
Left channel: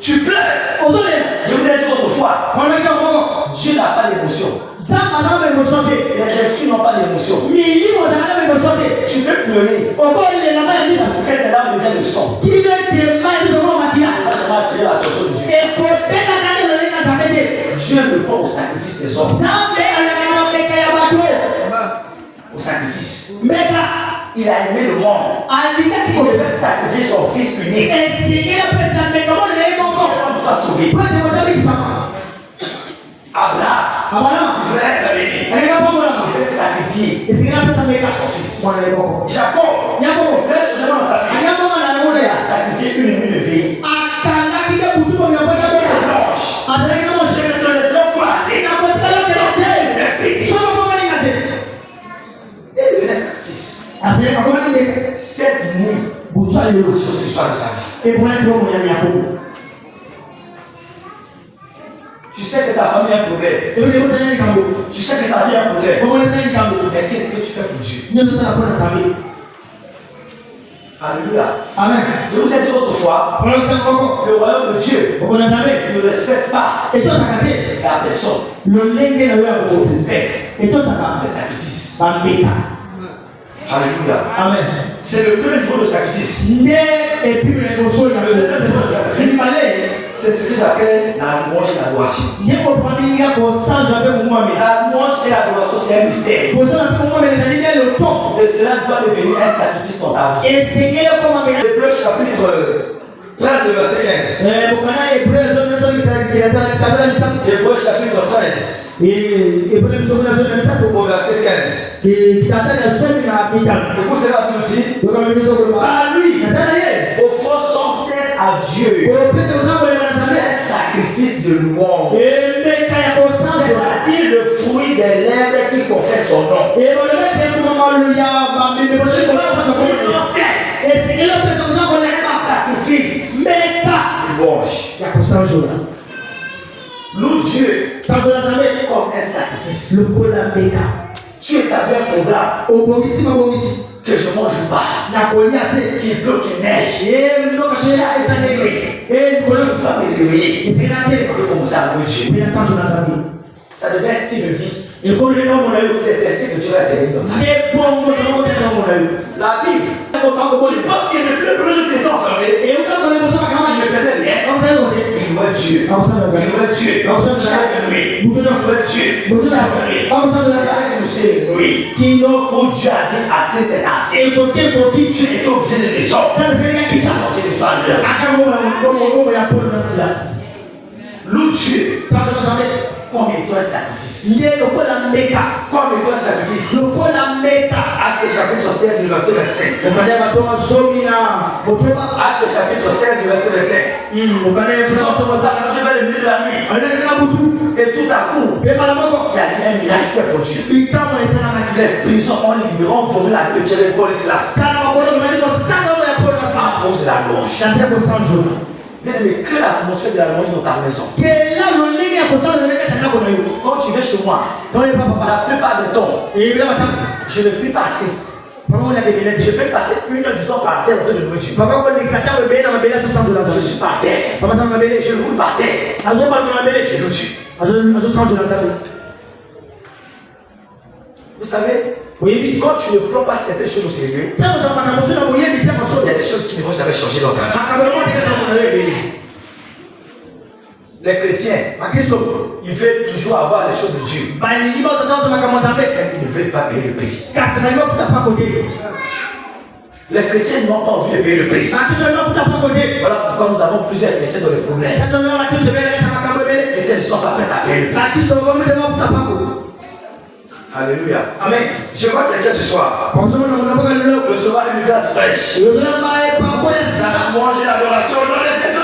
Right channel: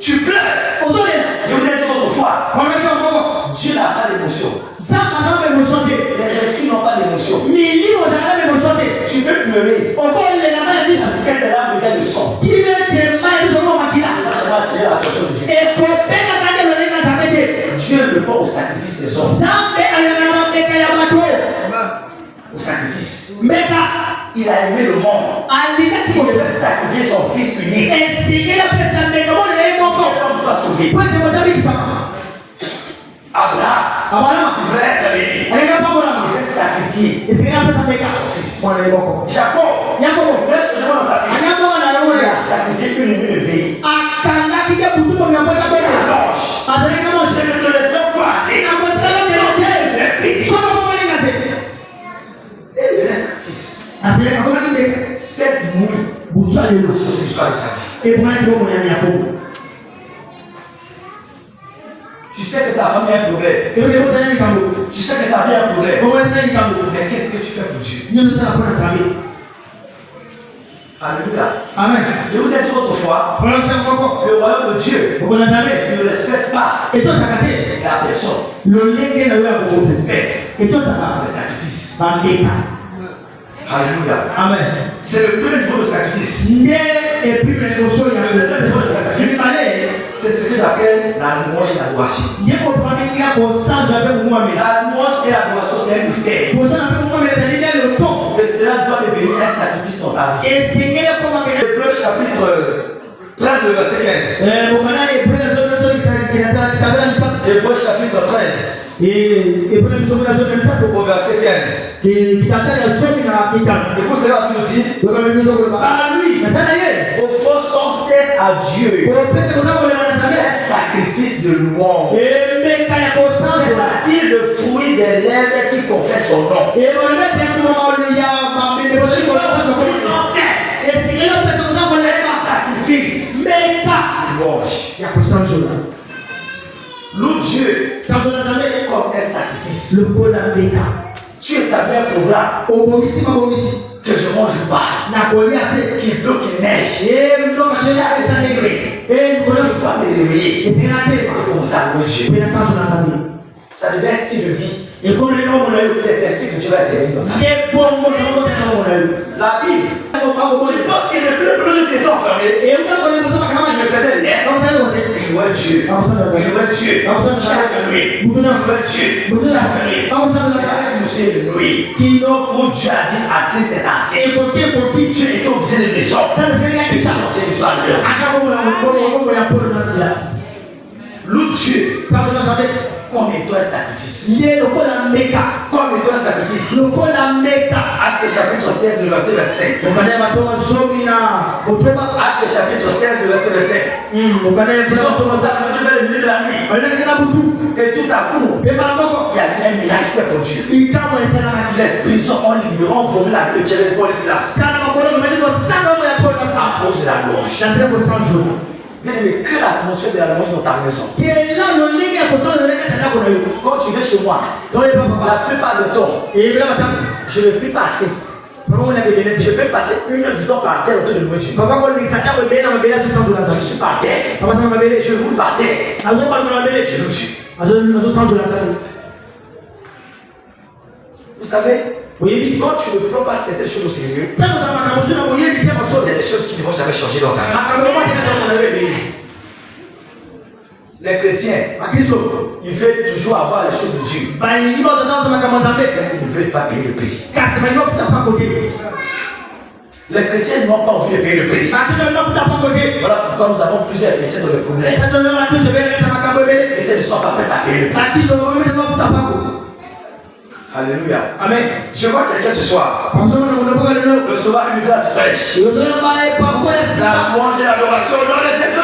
Tu pleures. Je vous ai dit autrefois, Dieu n'a pas d'émotion. Les esprits n'ont pas d'émotion. Tu peux pleurer. Quelle est l'âme de le sang? Moi, je vais attirer l'attention de Dieu. Dieu ne veut pas au sacrifice des hommes. Au sacrifice. Il a aimé le monde. Il devait sacrifier son fils unique. Pour soit sauvé. Abraham, il voulait être béni. Il devait sacrifier son fils. Jacob, il voulait changer dans sa vie. Il a sacrifié une nuit de vie. Je ne te laisserai pas aller. Il devait sacrifice. Cette nuit, je suis pas le sacrifice. Tu sais que ta famille a un problème. Tu sais que ta vie a un problème. Mais qu'est-ce que tu fais pour Dieu? Alléluia. Amen. Je vous ai dit autrefois, le royaume de Dieu ne respecte pas la personne. On respecte le sacrifice. Alléluia. Amen. C'est le premier niveau de sacrifice. C'est ce que j'appelle la louange et l'adoration. La louange et l'adoration, c'est un mystère. Et cela doit devenir un sacrifice dans ta vie. Hébreux chapitre 13, le verset 15. Hébreux chapitre 13. Au verset 15. Écoute cela nous dit. Par lui, offrons sans cesse à Dieu un sacrifice de louange. C'est-à-dire le fruit des lèvres qui confessent son nom. Sacrifice. Louange. Loue Dieu comme un sacrifice. Tu établis un programme que je mange pas, qu'il pleut, qu'il neige. Je dois me réveiller et commencer à louer Dieu. Ça devient un style de vie. C'est ainsi que Dieu va t'aider dans ta vie. La Bible, tu penses que le premier jour que tu étais enfermé, il ne faisait rien. Il louait Dieu. Il louait Dieu. Chaque nuit. Il louait Dieu. Chaque nuit. Où Dieu a dit assez, c'est assez. Tu étais obligé de descendre. Il a changé l'histoire de l'heure. Loue Dieu. Comme étant un sacrifice. Comme étant un sacrifice. Acte chapitre 16, le verset 25. Acte chapitre 16, le verset 25. Ils ont commencé à manger vers le milieu de la nuit. Et tout à coup, il y a un miracle fait pour Dieu. Les prisons ont libéré, ont volé la vie de Pierre et Paul et Silas. À cause de la louange. Mais que l'atmosphère de la louange dans ta maison. Quand tu viens chez moi, la plupart du temps, je ne prie pas assez. Je peux passer 1 heure du temps par terre autour de louer Dieu. Je suis par terre. Je roule par terre. Je loue Dieu. Vous savez, quand tu ne prends pas certaines choses au sérieux, il y a des choses qui ne vont jamais changer dans ta vie. Les chrétiens, ils veulent toujours avoir les choses de Dieu. Mais ils ne veulent pas payer le prix. Les chrétiens n'ont pas envie de payer le prix. Voilà pourquoi nous avons plusieurs chrétiens dans le problème. Les chrétiens ne sont pas prêts à payer le prix. Alléluia. Amen. Je vois quelqu'un ce soir recevoir une grâce fraîche. Ça va manger l'adoration au nom de Jésus.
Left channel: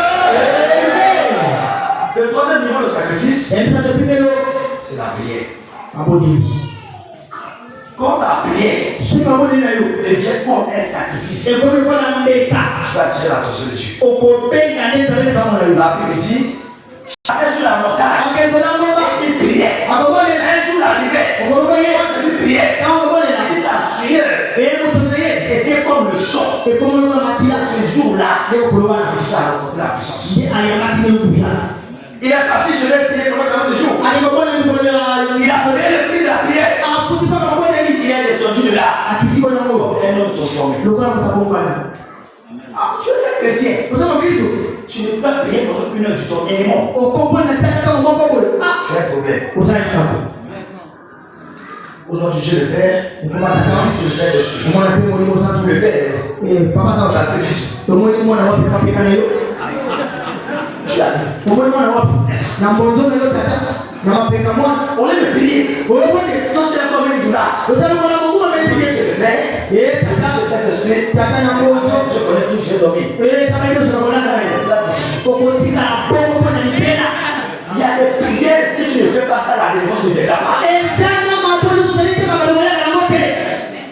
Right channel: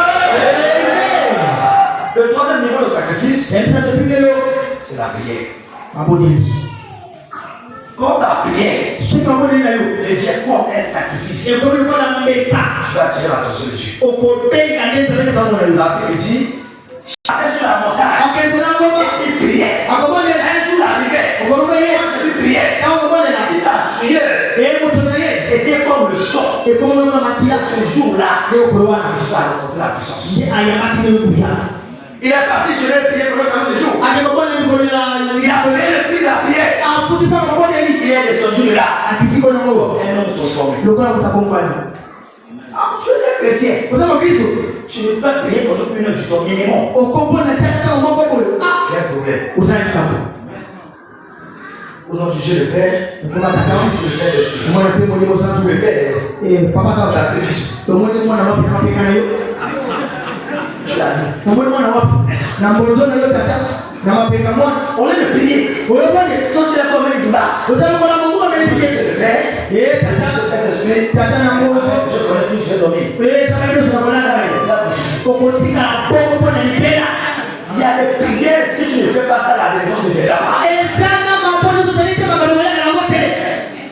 Le troisième niveau de sacrifice, c'est la prière. Quand ta prière devient comme un sacrifice, tu vas attirer l'attention de Dieu. L'après-midi, j'étais sur la montagne, il priait. Un jour arrivait, quand je priais, il s'assurait, était comme le son. Ce jour-là, je suis rencontré la puissance. Il est parti, je l'ai prié pendant 40 jours. Il a payé le prix de la prière. Il est descendu là. Un homme transformé. Tu es un chrétien. Tu ne peux pas prier pendant 1 heure du temps minimum. Tu as un problème. Au nom du Dieu le Père, du Fils et du Saint-Esprit. Le Père, sacrifice. Tu as dit. On est le prier. Toi tu es comme une douleur. Tu es le Père, le Saint-Esprit. Je connais tout, je vais dormir. Il y a des prières, si tu ne fais pas ça, la délivrance ne viendra pas.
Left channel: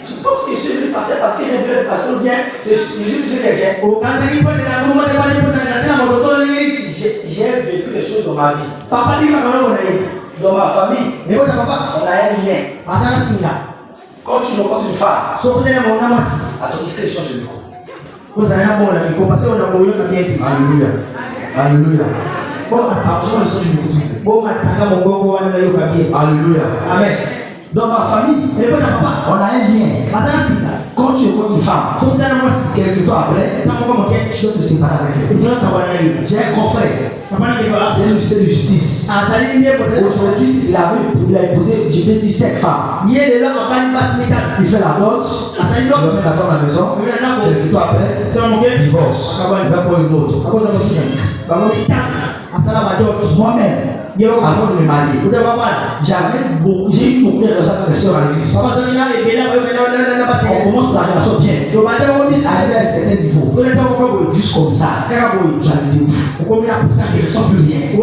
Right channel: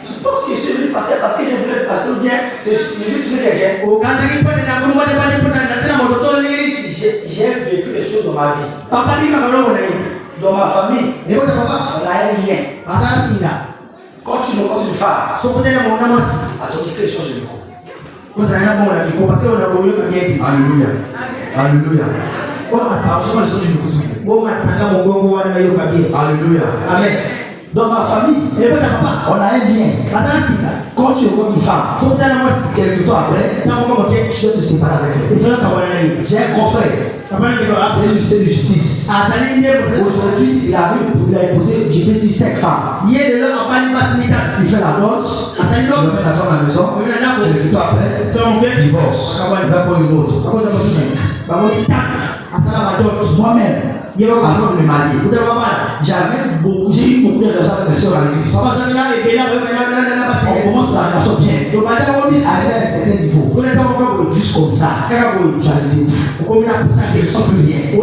Je pense que je suis venu pasteur parce que j'ai vu le pasteur ou bien je suis poussé quelqu'un. J'ai vécu des choses dans ma vie. Dans ma famille, on a un lien. Quand tu rencontres une femme, attends, tu peux changer de micro. Alléluia. Alléluia. Alléluia. Amen. Dans ma famille, on a un lien. Quand tu rencontres une femme, quelques temps après, tu dois te séparer avec elle. J'ai un confrère, c'est le de justice. Aujourd'hui, il a imposé, j'ai 25 femmes. Il fait la note, il met la femme à la maison, quelques temps après, divorce. Il va pour une autre. 5. Moi-même, avant de me marier, j'ai eu beaucoup de relations avec les soeurs à l'église. On commence la relation bien. Arrivé à un certain niveau, juste comme ça, j'allais dire, ils ne sont plus liés. Ils sont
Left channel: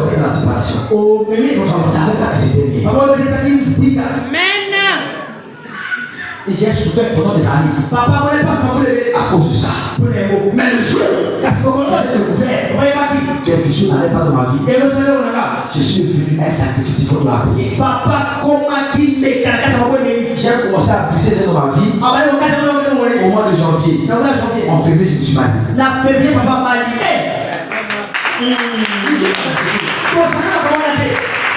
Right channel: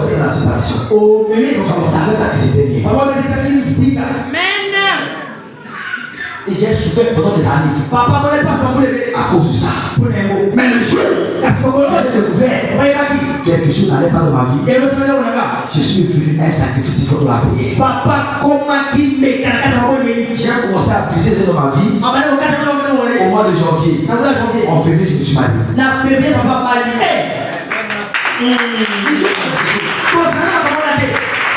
dans la séparation. Je ne savais pas que c'était lié. Et j'ai souffert pendant des années à cause de ça. Mais le jour où j'ai découvert quelque chose n'allait pas dans ma vie, je suis venu un sacrifice pour la prière. J'ai commencé à briser dans ma vie au mois de janvier. En février, je me suis marié.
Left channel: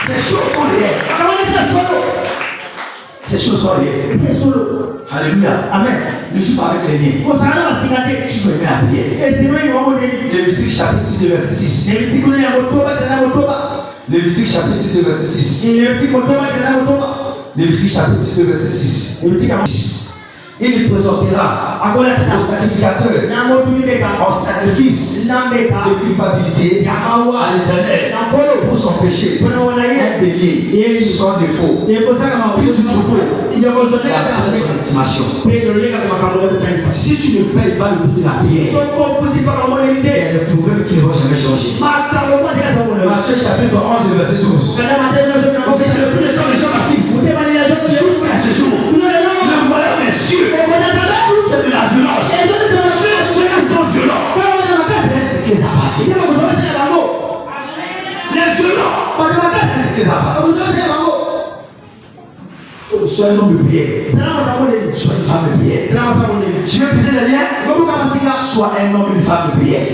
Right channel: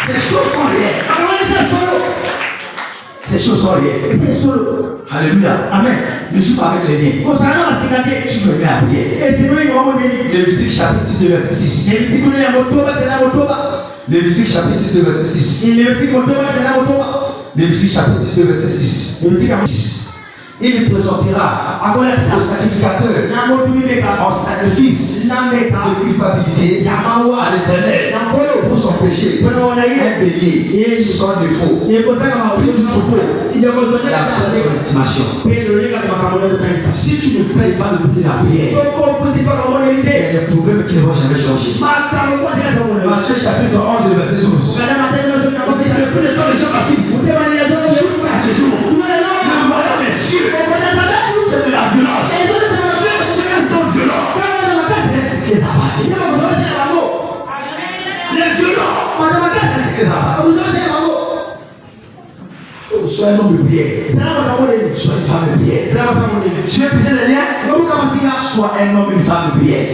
Ces choses sont réelles. Ces choses sont réelles. Alléluia. Amen. Ne joue pas avec les liens. Tu me mets à prière. Lévitique chapitre 6, verset 6. Lévitique chapitre 6, verset 6. Lévitique chapitre 6, verset 6. Il présentera au sacrificateur en sacrifice de culpabilité à l'Éternel pour son péché, un bélier sans défaut, puis du troupeau, d'après son estimation. Si tu ne payes pas le prix de la prière, il y a des problèmes qui ne vont jamais changer. Matthieu chapitre 11, verset 12. Le plus de temps les gens baptisent jusqu'à ce jour. Le moyen des cieux, c'est de la violence. Ceux qui sont violents, c'est que ça passe. Les violents, c'est que ça passe. Sois un homme de prière. Sois une femme de prière. Tu veux briser les liens? Sois un homme et une femme de prière.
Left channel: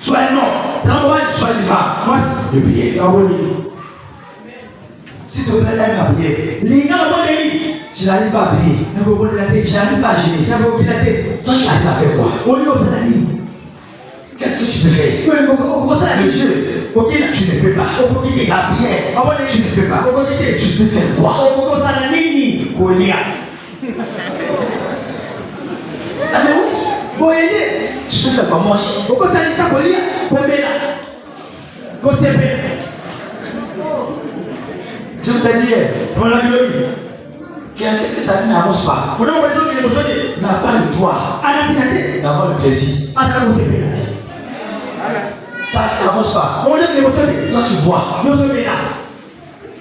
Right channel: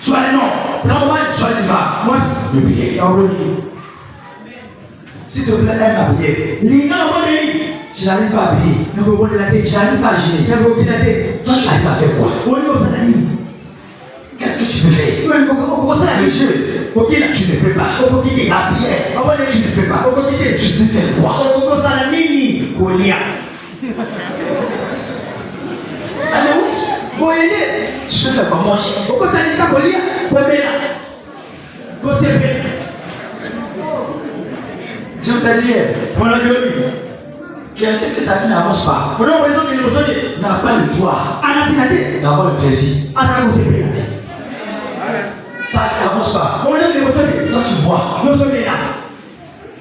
Sois un homme, sois une femme de prière. S'il te plaît, aime la prière. Je n'arrive pas à prier. Je n'arrive pas à gêner. Toi, tu arrives à faire quoi? Qu'est-ce que tu peux faire? Le jeu, tu ne peux pas. La prière, tu ne peux pas. Tu peux faire quoi? Ah mais oui. Bon, aider. Tu peux faire comme moche. Pourquoi ça n'est pas collé? Je vous ai dit hier. Voilà, je l'ai vu. Quelqu'un que sa vie n'avance pas n'a pas le droit d'avoir le plaisir. Ça n'avance pas. Toi tu vois.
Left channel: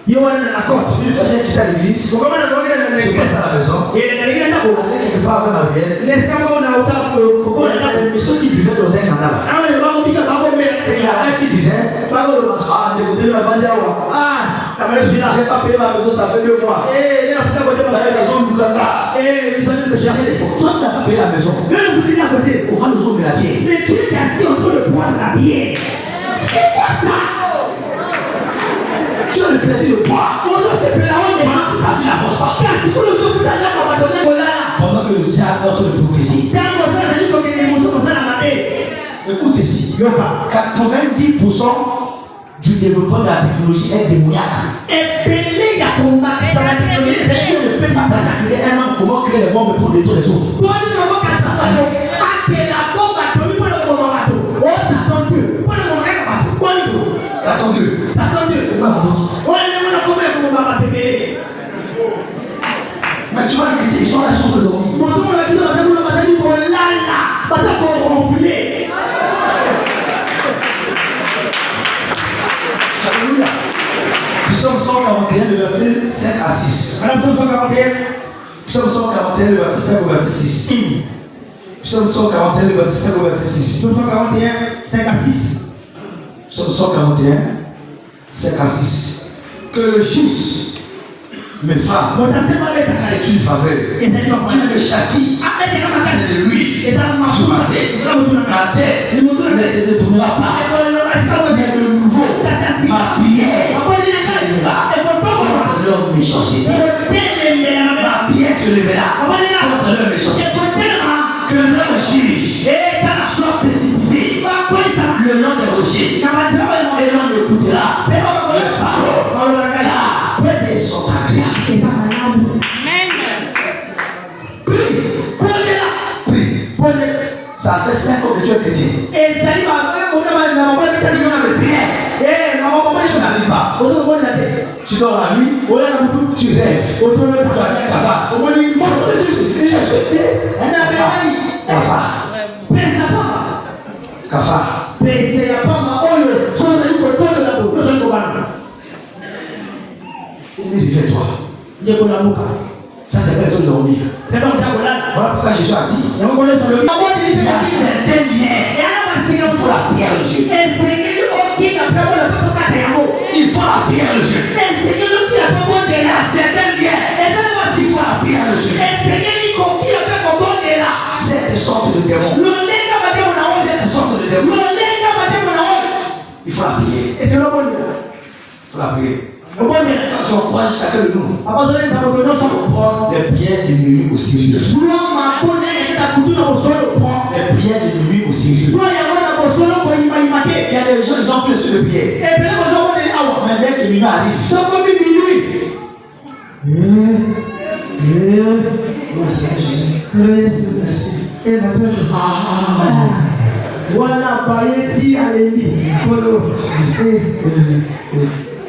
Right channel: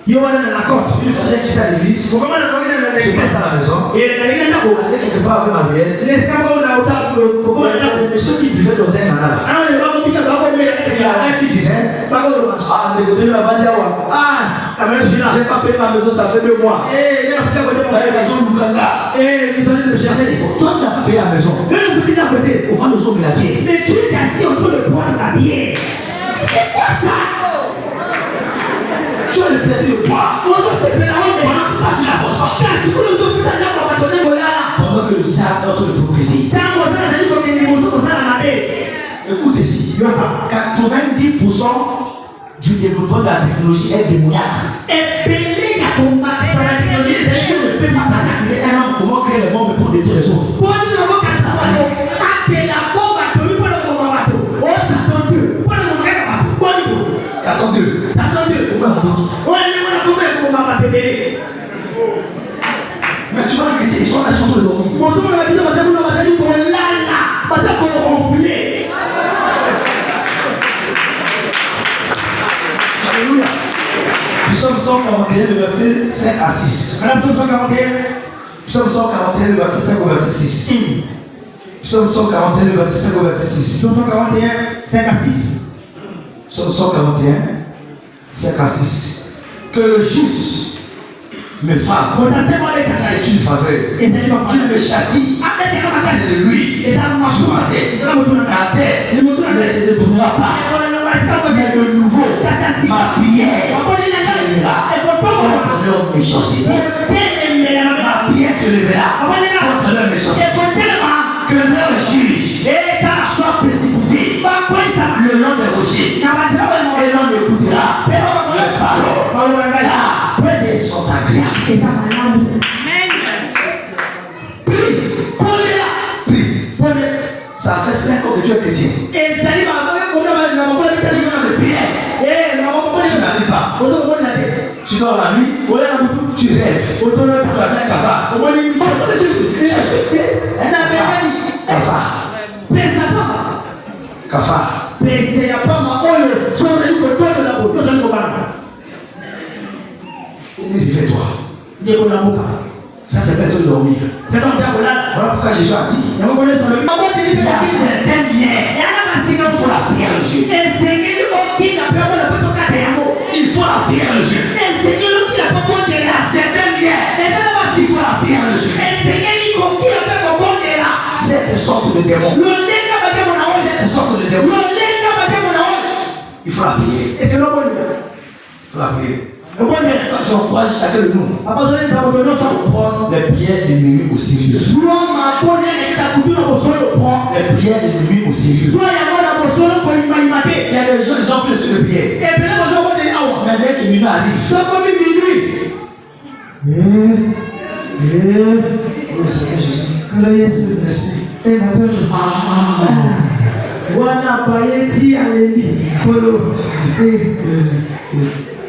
Une personne qui est à l'église, je passe à la maison, avec quelque part avant la prière, et ceux qui buvaient dans un nana là. Et il y a un qui disait, ah, de côté de la Bandiawa, j'ai pas payé ma maison, ça fait 2 mois. La maison Lukanga. Toi tu n'as pas payé la maison. On va nous ouvrir la bière. Mais tu es assis en train de boire la bière. C'est quoi ça? Tu as le plaisir de boire. Pendant que ta vie n'avance pas. Pendant que le diable est en train de progresser. Écoute ceci. 90% du développement de la technologie est démoniaque. Je ne peux pas s'acquitter un homme comment créer les bombes pour détruire les autres. Satan 2. Mais tu vas écouter, ils sont là sur le dormir. Alléluia. Psaume 141, le verset 5 à 6. Psaume 141, le verset 5 au verset 6. Psaume 141, le verset 5 au verset 6. Psaume 141, 5 à 6. Psaume 141, 5 à 6. Que le juste me frappe, c'est une faveur. Qu'il me châtie, c'est de lui sur ma tête. Ma tête ne se détournera pas. Mais de nouveau, ma prière s'élèvera contre leur méchanceté. Ma prière se lèvera contre leur méchanceté. Que leur juge soit précipité le long des rochers. Et l'on écoutera leurs paroles. Car elles sont agréables. Prie. Ça fait 5 ans que tu es chrétien. Tu n'arrives pas. Tu dors la nuit. Tu rêves. Tu as fait un cafard. Cafard. Réveille-toi. Ça s'appelle te dormir. Voilà pourquoi Jésus a dit il y a certains liens. Il faut la prière le jeu. Il faut la prière le jeu. Il y a certains liens. Il faut la prière le jeu. Cette sorte de démon. Cette sorte de démon. Il faut la prier. Il faut la prier. Quand j'encourage chacun de nous, prends les prières de nuit au sérieux. Prends les prières de nuit au sérieux. Il y a des gens qui ont plus de prières. Mais dès que minuit arrive, oh Seigneur Jésus, merci.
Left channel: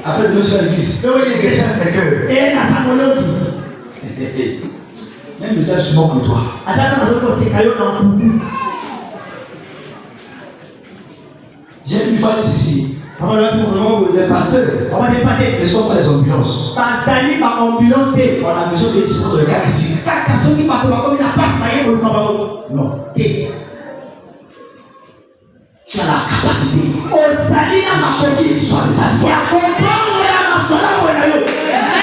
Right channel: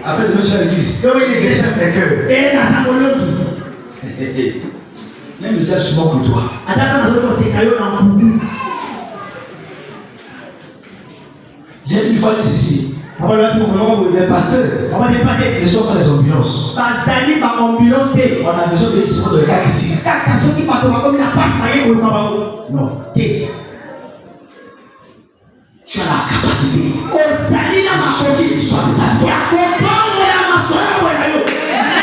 Après de à l'église, même le diable se moque de toi. J'ai une fois dit ceci. Les pasteurs ne sont pas des ambulances. On a besoin de discours de cas critiques. Non. Tu as la capacité de changer l'histoire de ta vie.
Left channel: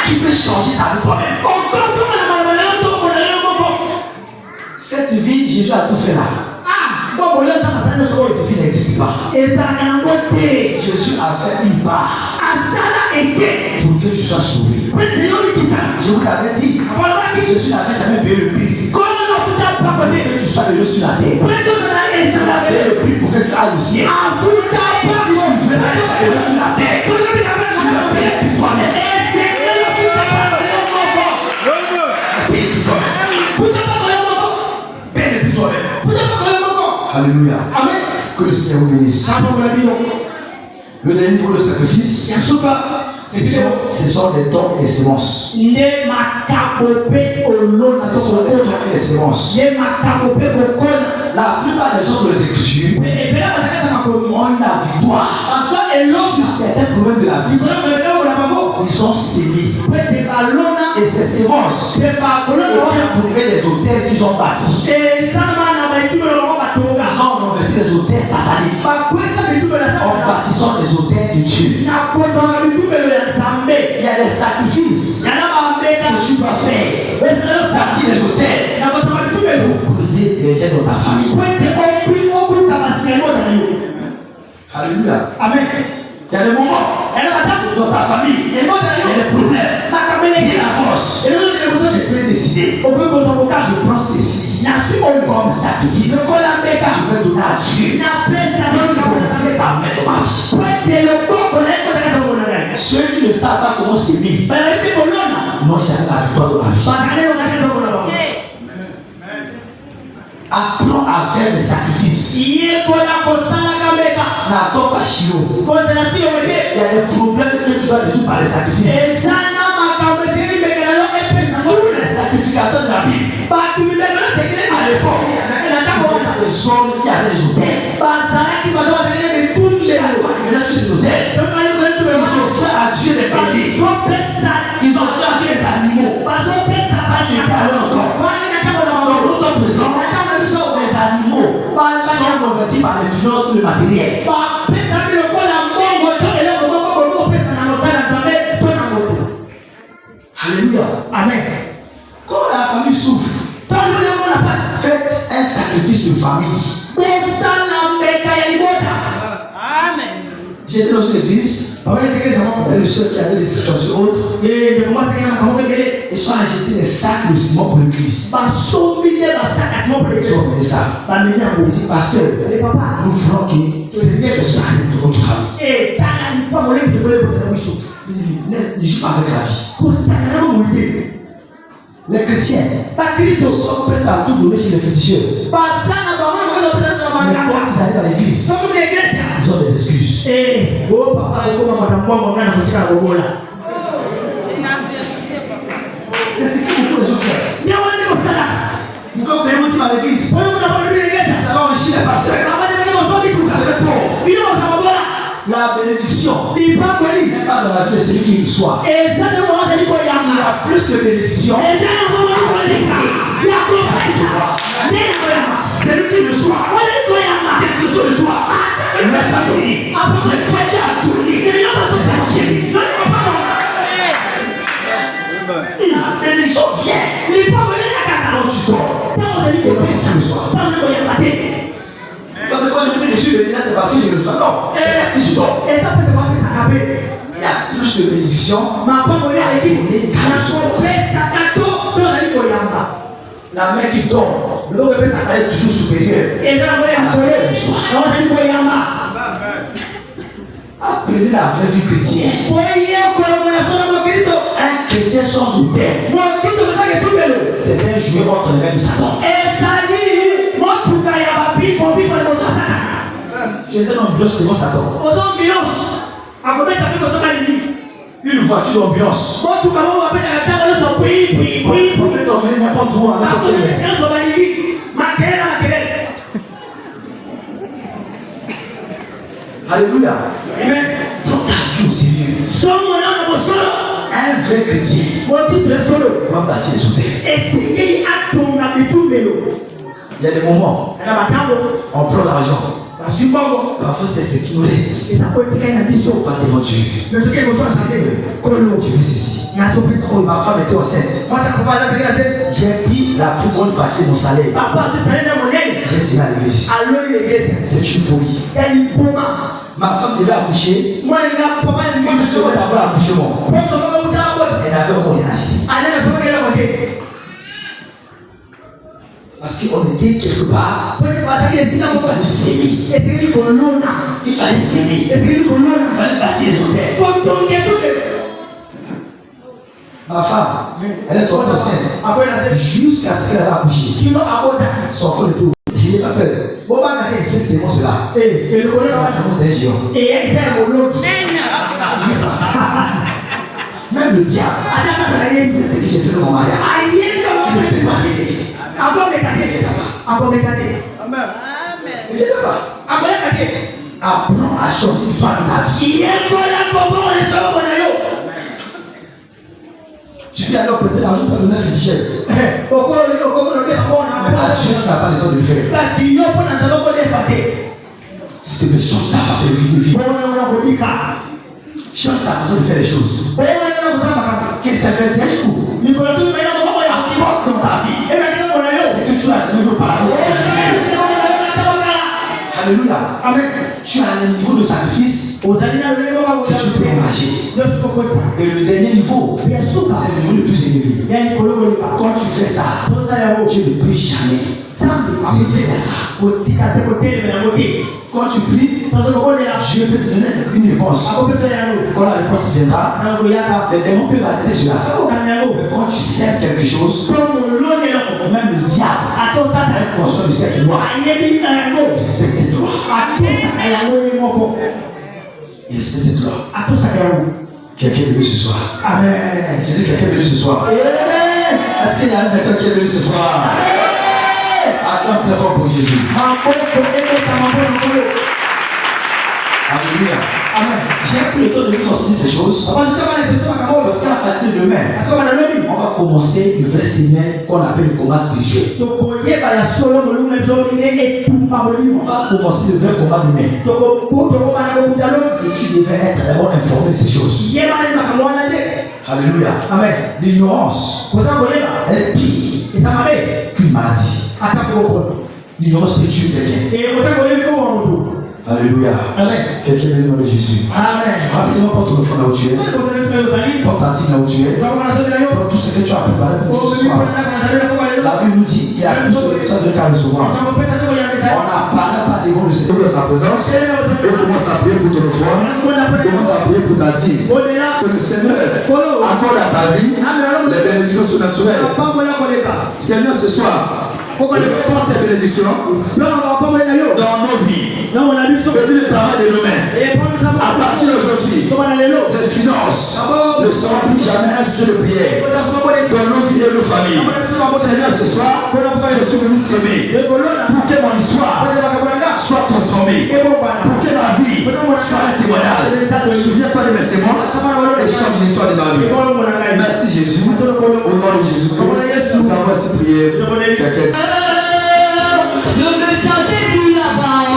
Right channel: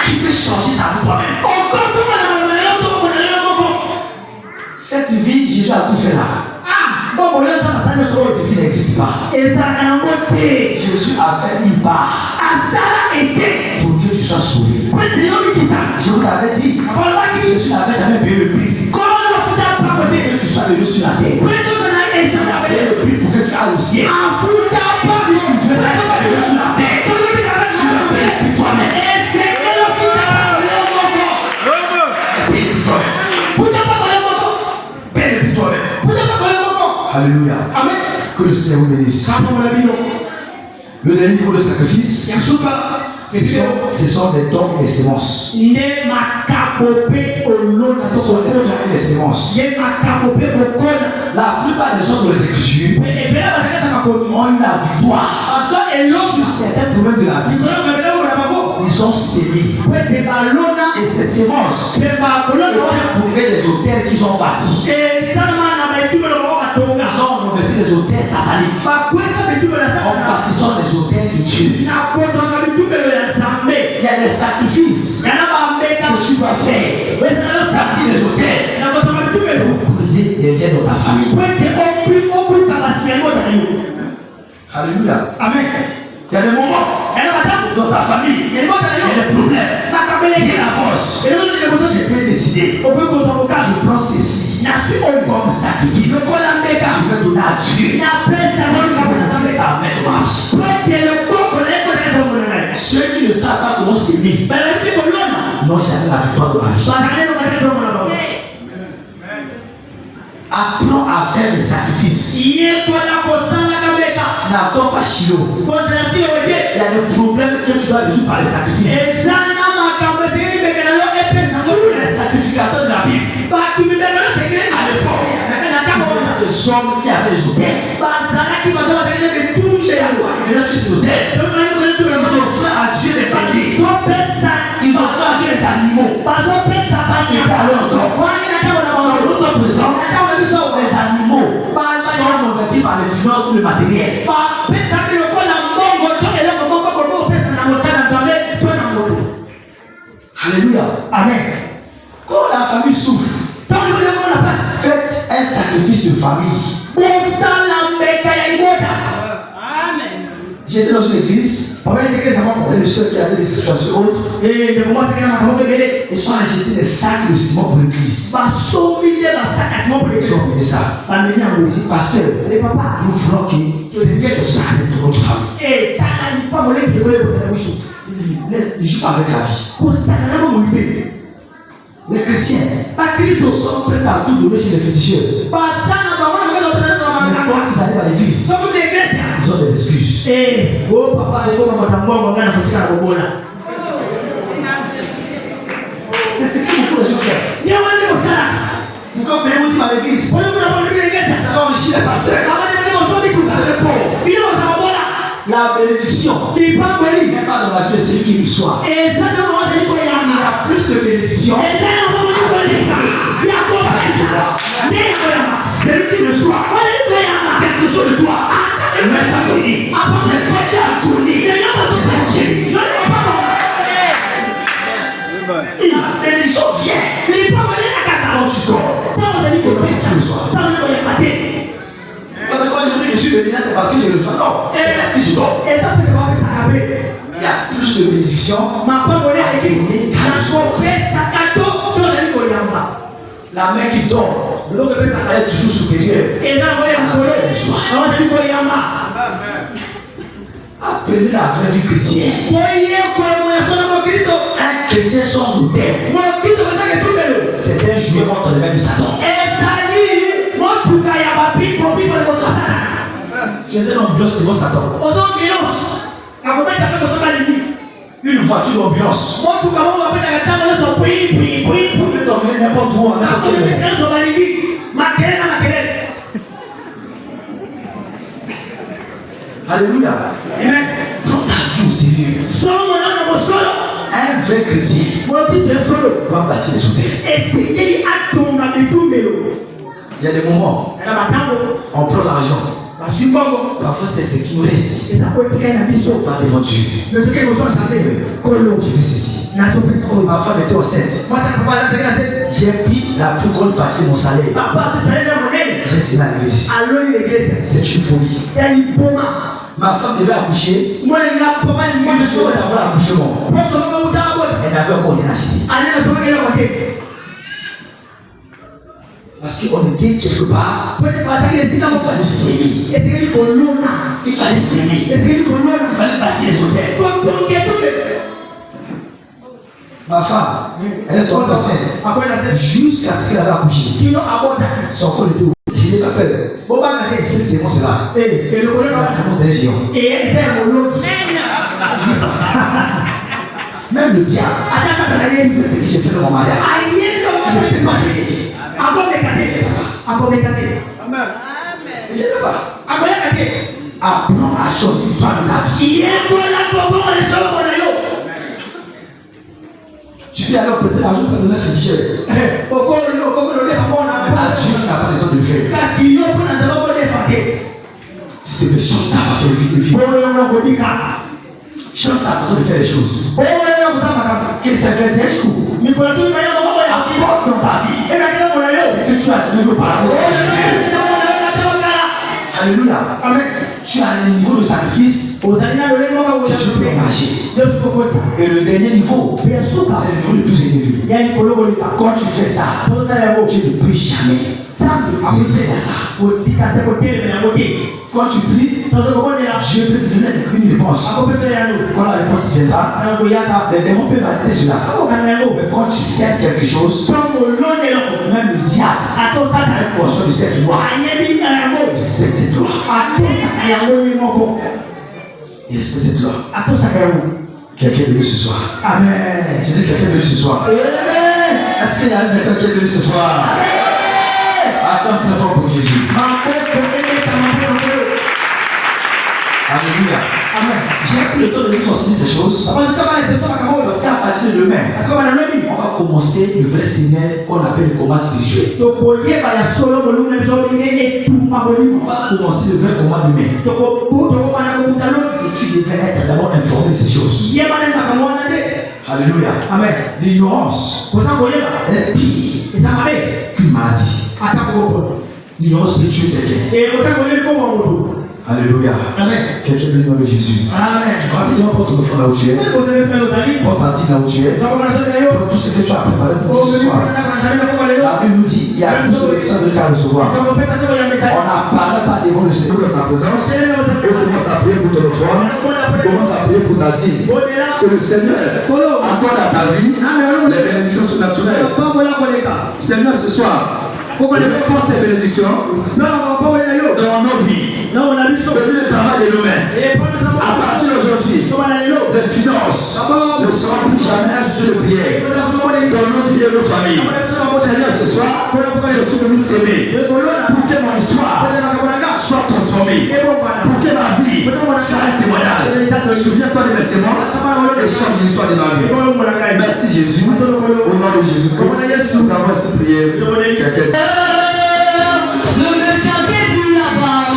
Tu peux changer ta vie toi-même. Cette vie, Jésus a tout fait là. Cette vie n'existe pas. Jésus a fait une part pour que tu sois sauvé. Je vous avais dit, Jésus n'avait jamais payé le prix pour que tu sois heureux sur la terre. Il a payé le prix pour que tu ailles au ciel. Si tu veux être heureux sur la terre, tu l'as payé pour toi-même. Payé pour toi-même. Alléluia. Amen. Que le Seigneur vous bénisse. Le dernier niveau de sacrifice, ce sont des dons et des semences. Ce sont des dons et des semences. La plupart des autres de l'Écriture ont eu la victoire sur certains problèmes de la vie. Ils ont sémé. Et ces semences étaient pour les hôtels qu'ils ont bâtis. Ils ont investi des hôtels sataniques en bâtissant des hôtels de Dieu. Il y a des sacrifices que tu dois faire. Bâtir des hôtels pour briser les liens de ta famille. Alléluia. Amen. Il y a des moments dans ta famille, il y a des problèmes, il y a la force. Je peux décider, je prends ceci comme sacrifice. Je vais donner à Dieu. Ça va mettre ma vie. Ceux qui ne savent pas comment s'aimer n'ont jamais la victoire de ma vie. Apprends à faire des sacrifices. N'attends pas Chilo. Il y a des problèmes que tu dois résoudre par les sacrifices. Tous les sacrificateurs de la Bible, à l'époque, ils étaient des hommes qui avaient des hôtels. Ils venaient sur ces hôtels. Ils ont fait à Dieu des bénis. Ils ont fait à Dieu des animaux. Ça, c'est à leur temps. Dans notre présent, les animaux sont convertis par les finances ou le matériel. Alléluia. Amen. Quand la famille souffre, faites un sacrifice de famille. J'étais dans une église, et le seul qui avait des situations autres, ils sont allés jeter des sacs de ciment pour l'église. Ils ont fait ça. Il dit, pasteur, nous voulons que cette chose arrive de votre famille. Il joue avec la vie. Les chrétiens sont prêts à tout donner chez les féticheurs. Mais quand ils arrivent à l'église, ils ont des excuses. C'est ce que beaucoup de gens font. Vous comprenez où tu vas à l'église? Alors on chie les pasteurs. La bénédiction n'est pas dans la vie de celui qui reçoit. Il y a plus de bénédiction. Celui qui reçoit quelque chose de toi n'est pas béni. Mais toi qui as donné, c'est pas béni. La bénédiction vient quand tu dors et quand tu reçois. Parce que quand je dis que je suis béni là, c'est parce que je le fais. Non, c'est parce que je dors. Il y a plus de bénédiction à donner qu'à recevoir. La main qui dort est toujours supérieure à la main qui reçoit. Apprenez la vraie vie chrétienne. Un chrétien sans hôtel, c'est un jouet entre les mains de Satan. Tu es un ambiance devant Satan. Une voiture ambiance. On peut t'emmener n'importe où. Alléluia. Prends ta vie au sérieux. Un vrai chrétien doit bâtir des hôtels. Il y a des moments, on prend l'argent. Parfois c'est ce qui nous reste. On va devant Dieu. Je fais ceci. Ma femme était enceinte. J'ai pris la plus grande partie de mon salaire. J'ai essayé à l'église. C'est une folie. Ma femme devait accoucher. Une semaine avant l'accouchement, elle avait encore rien acheté. Parce qu'on était quelque part, il fallait s'aimer. Il fallait s'aimer. Il fallait bâtir les hôtels. Ma femme, elle est tombée enceinte jusqu'à ce qu'elle avait accouché. Son corps était ouvert. Je l'ai pas peur. Cette sémence-là, c'est la sémence d'un géant. Même le diable, c'est ce que j'ai fait dans mon mariage. Amen. Je ne pas. Apprends à changer l'histoire de ta vie. Tu peux alors prêter l'argent pour donner un féticheur. Mais à Dieu, tu n'as pas le temps de le faire. Si tu veux changer ta façon de vivre, change ta façon de faire les choses. Et c'est fait des jours. Apporte dans ta vie. C'est que tu as jamais vu par rapport à Jésus. Alléluia. Amen. Tu as un niveau de sacrifice que tu peux imaginer. Et le dernier niveau, c'est le niveau le plus élevé. Quand tu fais ça, tu ne pries jamais. Après c'est ça. Quand tu pries, Dieu peut te donner une réponse. Quand la réponse viendra, les démons peuvent arrêter cela. Mais quand tu sais quelque chose, même le diable est conscient de cette loi. Il respecte cette loi. Il respecte cette loi. Quelqu'un est venu ce soir. Amen. Je dis quelqu'un est venu ce soir. Est-ce qu'il y a quelqu'un qui est venu ce soir? Attends très fort pour Jésus. Alléluia. Amen. J'ai pris le temps de nous enseigner ces choses. Parce qu'à partir de demain, on va commencer le vrai séminaire qu'on appelle le combat spirituel. On va commencer le vrai combat humain. Et tu devais être d'abord informé de ces choses. Alléluia. Amen. L'ignorance est pire qu'une maladie. L'ignorance peut tuer quelqu'un. Alléluia. Amen. Quelqu'un veut dire Jésus. Amen. Tu vas rapidement porter ton enfant là où tu es. Porte ta tique là où tu es. Porte tout ce que tu as préparé pour ce soir. La Bible nous dit il y a plus de personnes de cas recevoir. On n'apparaît pas devant le Seigneur dans sa présence. Et commence à prier pour ton enfant. Commence à prier pour ta tique. Que le Seigneur accorde à ta vie les bénédictions surnaturelles. Seigneur, ce soir, porte tes bénédictions dans nos vies. Bénis le travail de nos mains. À partir d'aujourd'hui, les finances ne seront plus jamais un seul prière dans nos vies et nos familles. Seigneur, ce soir, je suis venu s'aimer pour que mon histoire soit transformée, pour que ma vie soit un témoignage. Souviens-toi de mes sémences et change l'histoire de ma vie. Merci Jésus. Au nom de Jésus-Christ, nous avons ainsi prié. Ne me cherchez plus là-bas,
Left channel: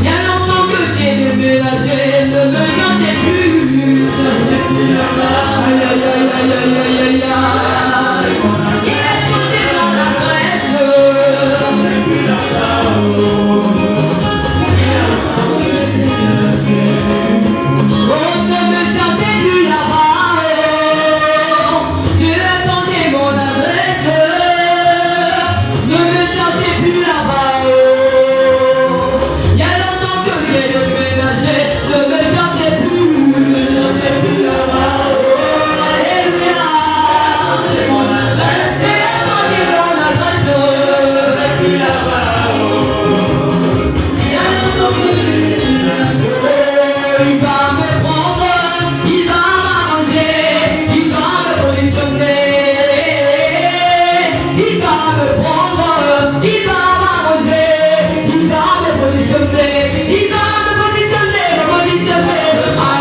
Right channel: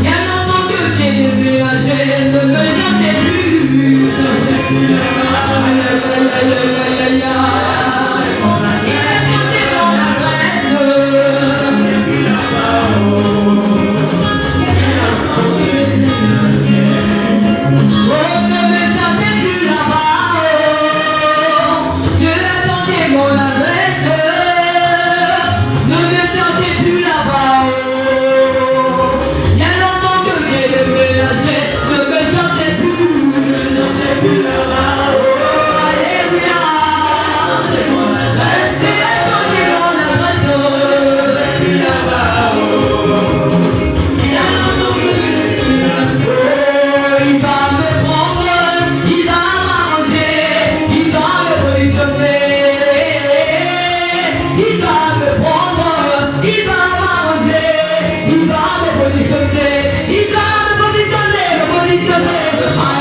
il y a longtemps que j'ai déménagé, ne me cherchez plus là-bas, il a changé mon adresse, ne me cherchez plus là-bas, Dieu a changé mon adresse. Ne me cherchez plus là-bas, il y a longtemps que j'ai déménagé, ne me cherchez plus là-bas, alléluia, c'est mon adresse, j'ai changé mon adresse, plus là-bas, il y a longtemps que j'ai déménagé, il va me prendre, il va m'arranger, il va me positionner, il va me prendre. Il va m'arranger, il va me positionner, il va me positionner,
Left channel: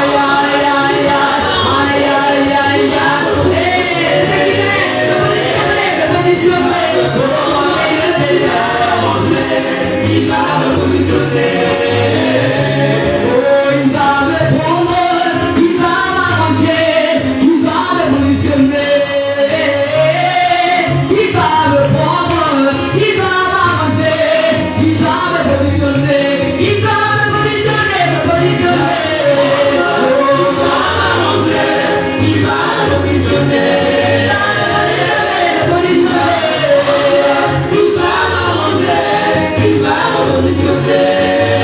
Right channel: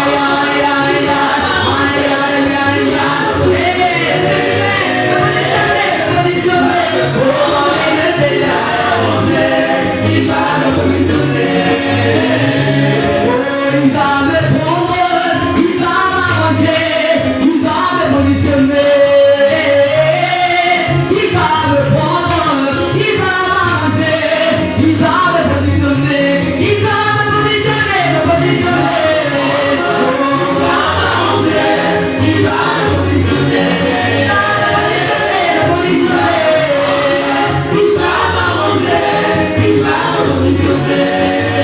aïe aïe aïe aïe aïe aïe aïe, positionner, oh le Seigneur arrangé, il va me positionner, oh il va me prendre, il va m'arranger, il va me positionner, il va me prendre. Il va m'arranger, il va me positionner, il va me positionner, me positionner. Oh, il va m'arranger, il va me positionner, me positionner. Il va m'arranger, il va me positionner.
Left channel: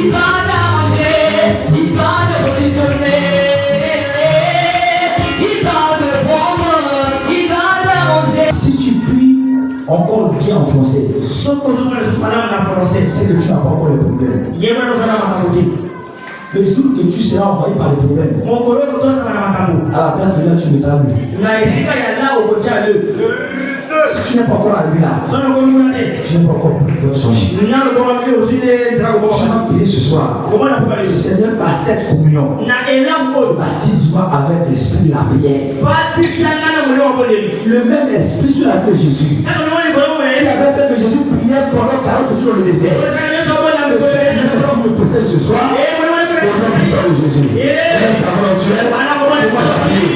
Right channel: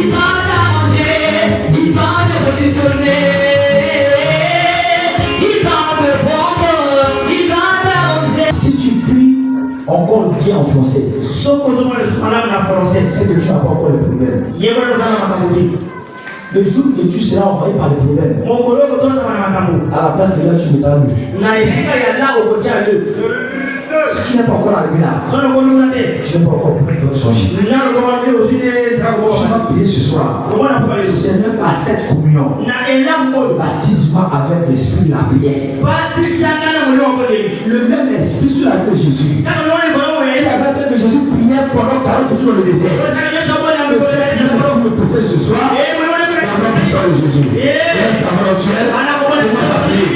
il va t'arranger, il va te révolutionner, il va te prendre, il va t'arranger. Si tu pries encore bien en français, c'est que tu n'as pas encore le problème. Le jour que tu seras envoyé par le problème, à la place de là, tu me t'arrives. Si tu n'es pas encore arrivé là, tu n'es pas encore pris d'autres choses. Tu vas prier ce soir. Seigneur, par cette communion, baptise-moi avec l'esprit de la prière. Le même esprit sur la paix de Jésus. Il avait fait que Jésus priait pendant 40 jours dans le désert. Le Seigneur me possède ce soir. Au nom puissant de Jésus. Lève ta main au ciel. Commence à prier.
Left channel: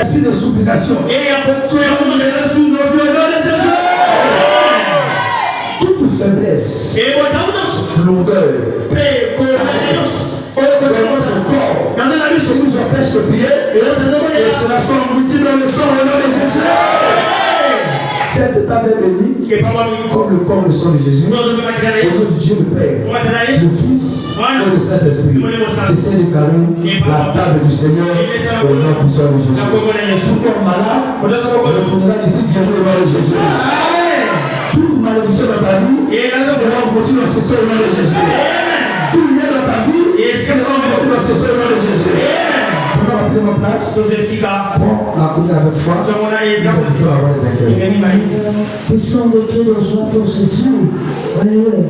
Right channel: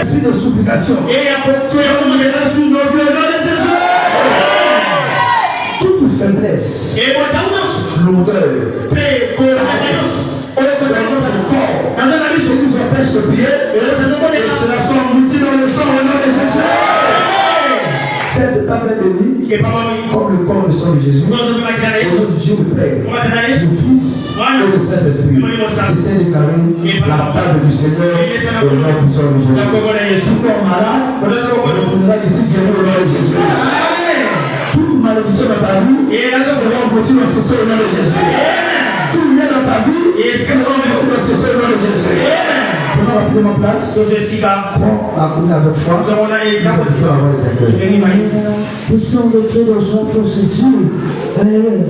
Esprit de supplication. Toute faiblesse, l'odeur, ce qui nous empêche de prier, et cela soit englouti dans le sang au nom de Jésus. Cette table est bénie comme le corps et le sang de Jésus. Au nom de Dieu le Père, du Fils et du Saint-Esprit. C'est déclaré la table du Seigneur au nom puissant de Jésus. Tout corps malade, retournera ici guéri au nom de Jésus. Toute malédiction dans ta vie sera engloutie dans ce sang au nom de Jésus. Tout lien dans ta vie sera englouti dans ce sang au nom de Jésus. On va prendre ma place. Prends la coupe avec foi. Le sang de Dieu dans son processus. Alléluia.